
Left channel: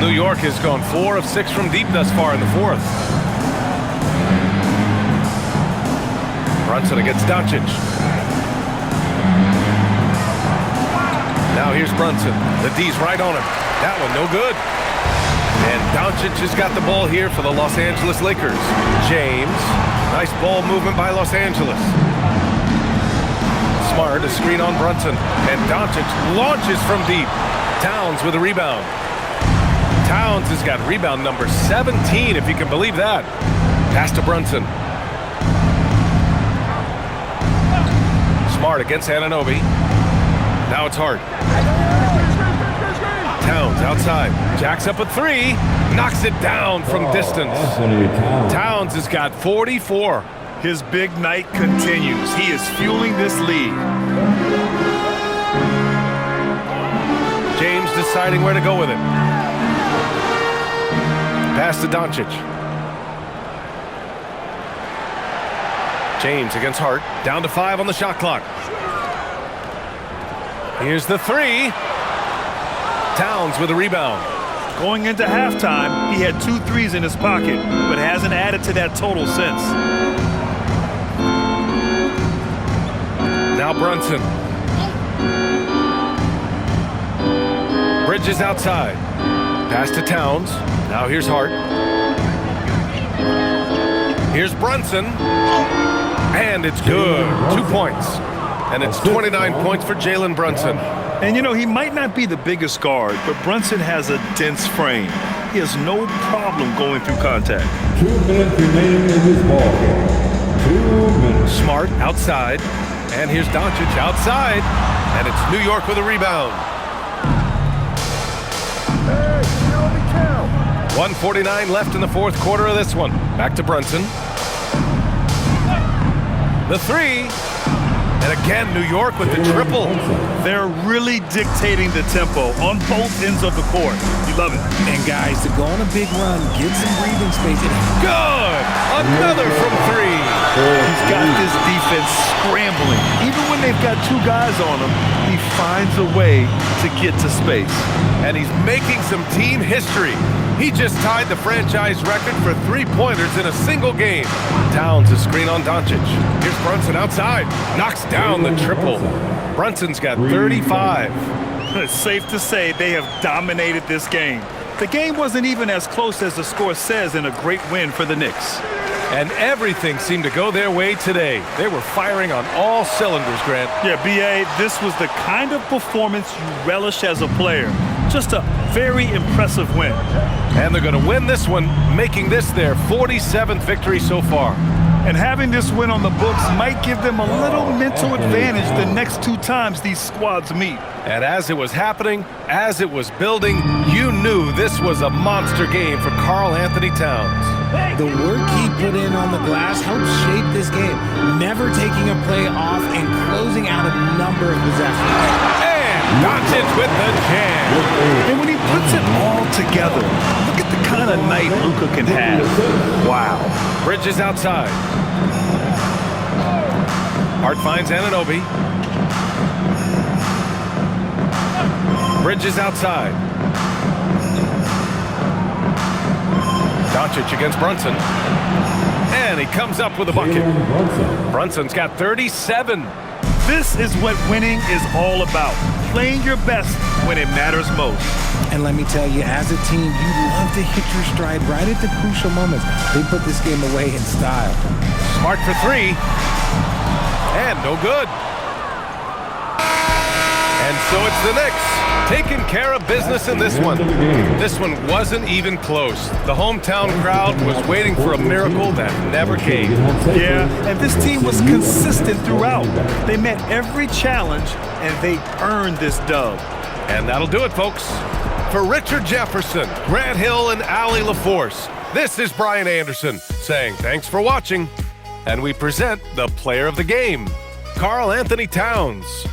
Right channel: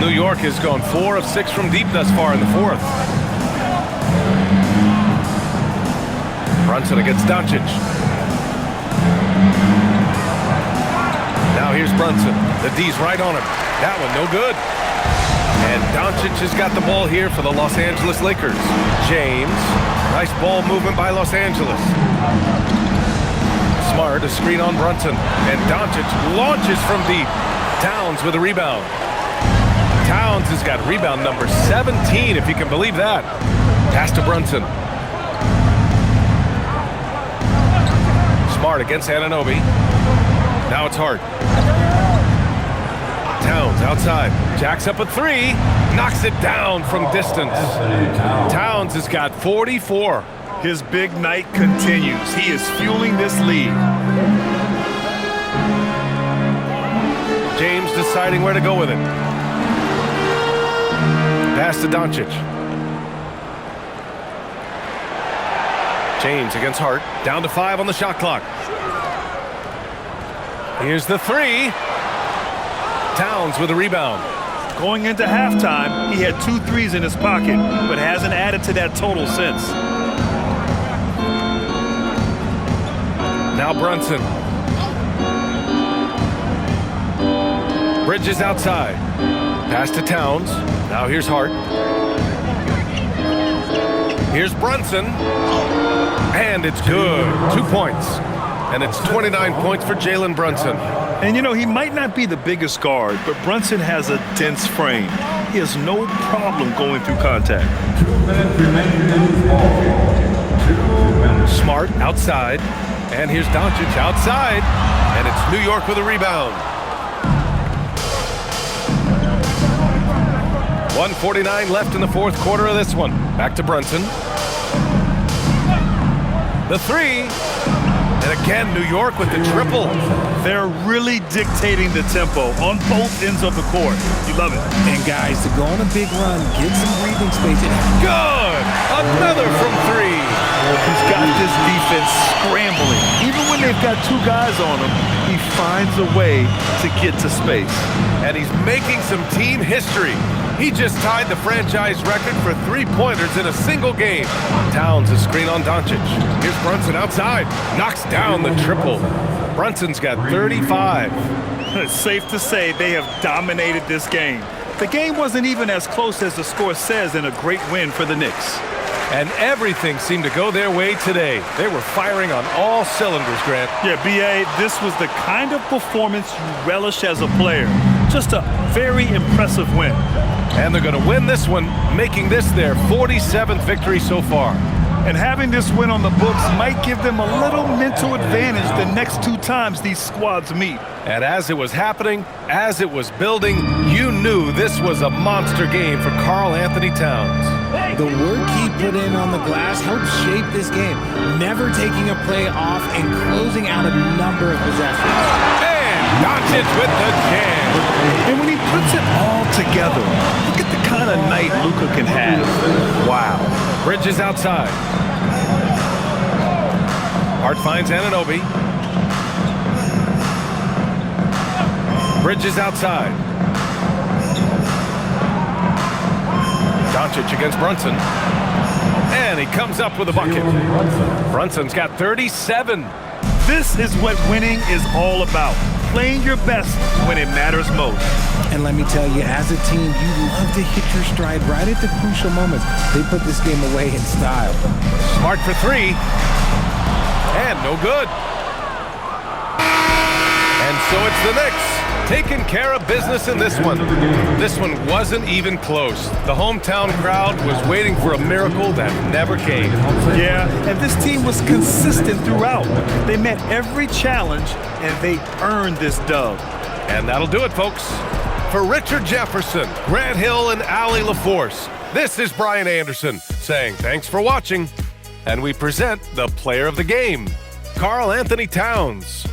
New York has gone 4 of 6 from deep thus far in the fourth. Brunson against Doncic. Now here's Brunson. The D's right on him. That one no good. And Doncic has got the ball here for the Los Angeles Lakers. James. Nice ball movement by Los Angeles. Smart, a screen on Brunson. And Doncic launches from deep. Towns with a rebound. Towns has got rebound number 17, if you can believe that. Pass to Brunson. Smart against Anunoby. Now it's Hart. Towns outside. Jacks up a three. Knocks it down from distance. Towns has got 44. His big night continues. He is fueling this lead. James deciding where to go with it. Pass to Doncic. James against Hart. Down to 5 on the shot clock. Here's the three. Towns with a rebound. Going into halftime, he had 2 threes in his pocket, but hasn't added to that total since. Now Brunson. Bridges outside. Pass to Towns. Now here's Hart. Here's Brunson. And it's good. 2 points. And it's 29 points for Jalen Brunson. And you know, he might not be the biggest guard, but Brunson has a dense frame. He has no problem going through contact. 2 minutes remaining in this ball game. 2 minutes. Smart outside. And here's Doncic outside. And it's New York with a rebound. 1:49 left in the fourth quarter of this one. Back to Brunson. The three. And again, New York with the triple. They're really dictating the tempo on both ends of the court. You love it. And guys, to go on a big run, get some breathing space. Good! Another from three. He's got this defense scrambling. Even when they've got 2 guys on him, he finds a way to get to space. And he's making some team history. He just tied the franchise record for 3-pointers in a single game. Towns a screen on Doncic. Here's Brunson outside. Knocks down the triple. Brunson's got 35. It's safe to say they have dominated this game. The game wasn't even as close as the score says in a great win for the Knicks. And everything seemed to go their way today. They were firing on all cylinders, Grant. Yeah, B.A., this was the kind of performance you relish as a player. Just a very impressive win. And they're going to win this one, making this their 47th victory so far. And having this win on the books might give them a little mental advantage the next 2 times these squads meet. And as it was happening, as it was building, you knew this was a monster game for Karl Anthony Towns. The work he put in on the glass helped shape this game, never taking a play off and closing out a number of possessions. And Doncic with the jam. And when he puts it all together, look at the kind of night Luka can have. Wow. Bridges outside. Hart finds Anunoby. Bridges outside. Doncic against Brunson. And he comes up with a bucket. Brunson's got 37. This is what winning is all about. Playing your best when it matters most. And let me tell you, as a team, you love to hit your stride right at the crucial moments. They put this game away in style. Smart for three. And no good. And so it's the Knicks taking care of business in this one. This one wasn't even close. The hometown crowd was waiting for a miracle that never came. Yeah, and this team was consistent throughout. They met every challenge, and they earned this dub. And that'll do it, folks. For Richard Jefferson, Grant Hill, and Allie LaForce, this is Brian Anderson saying thanks for watching. And we present the player of the game, Karl Anthony Towns.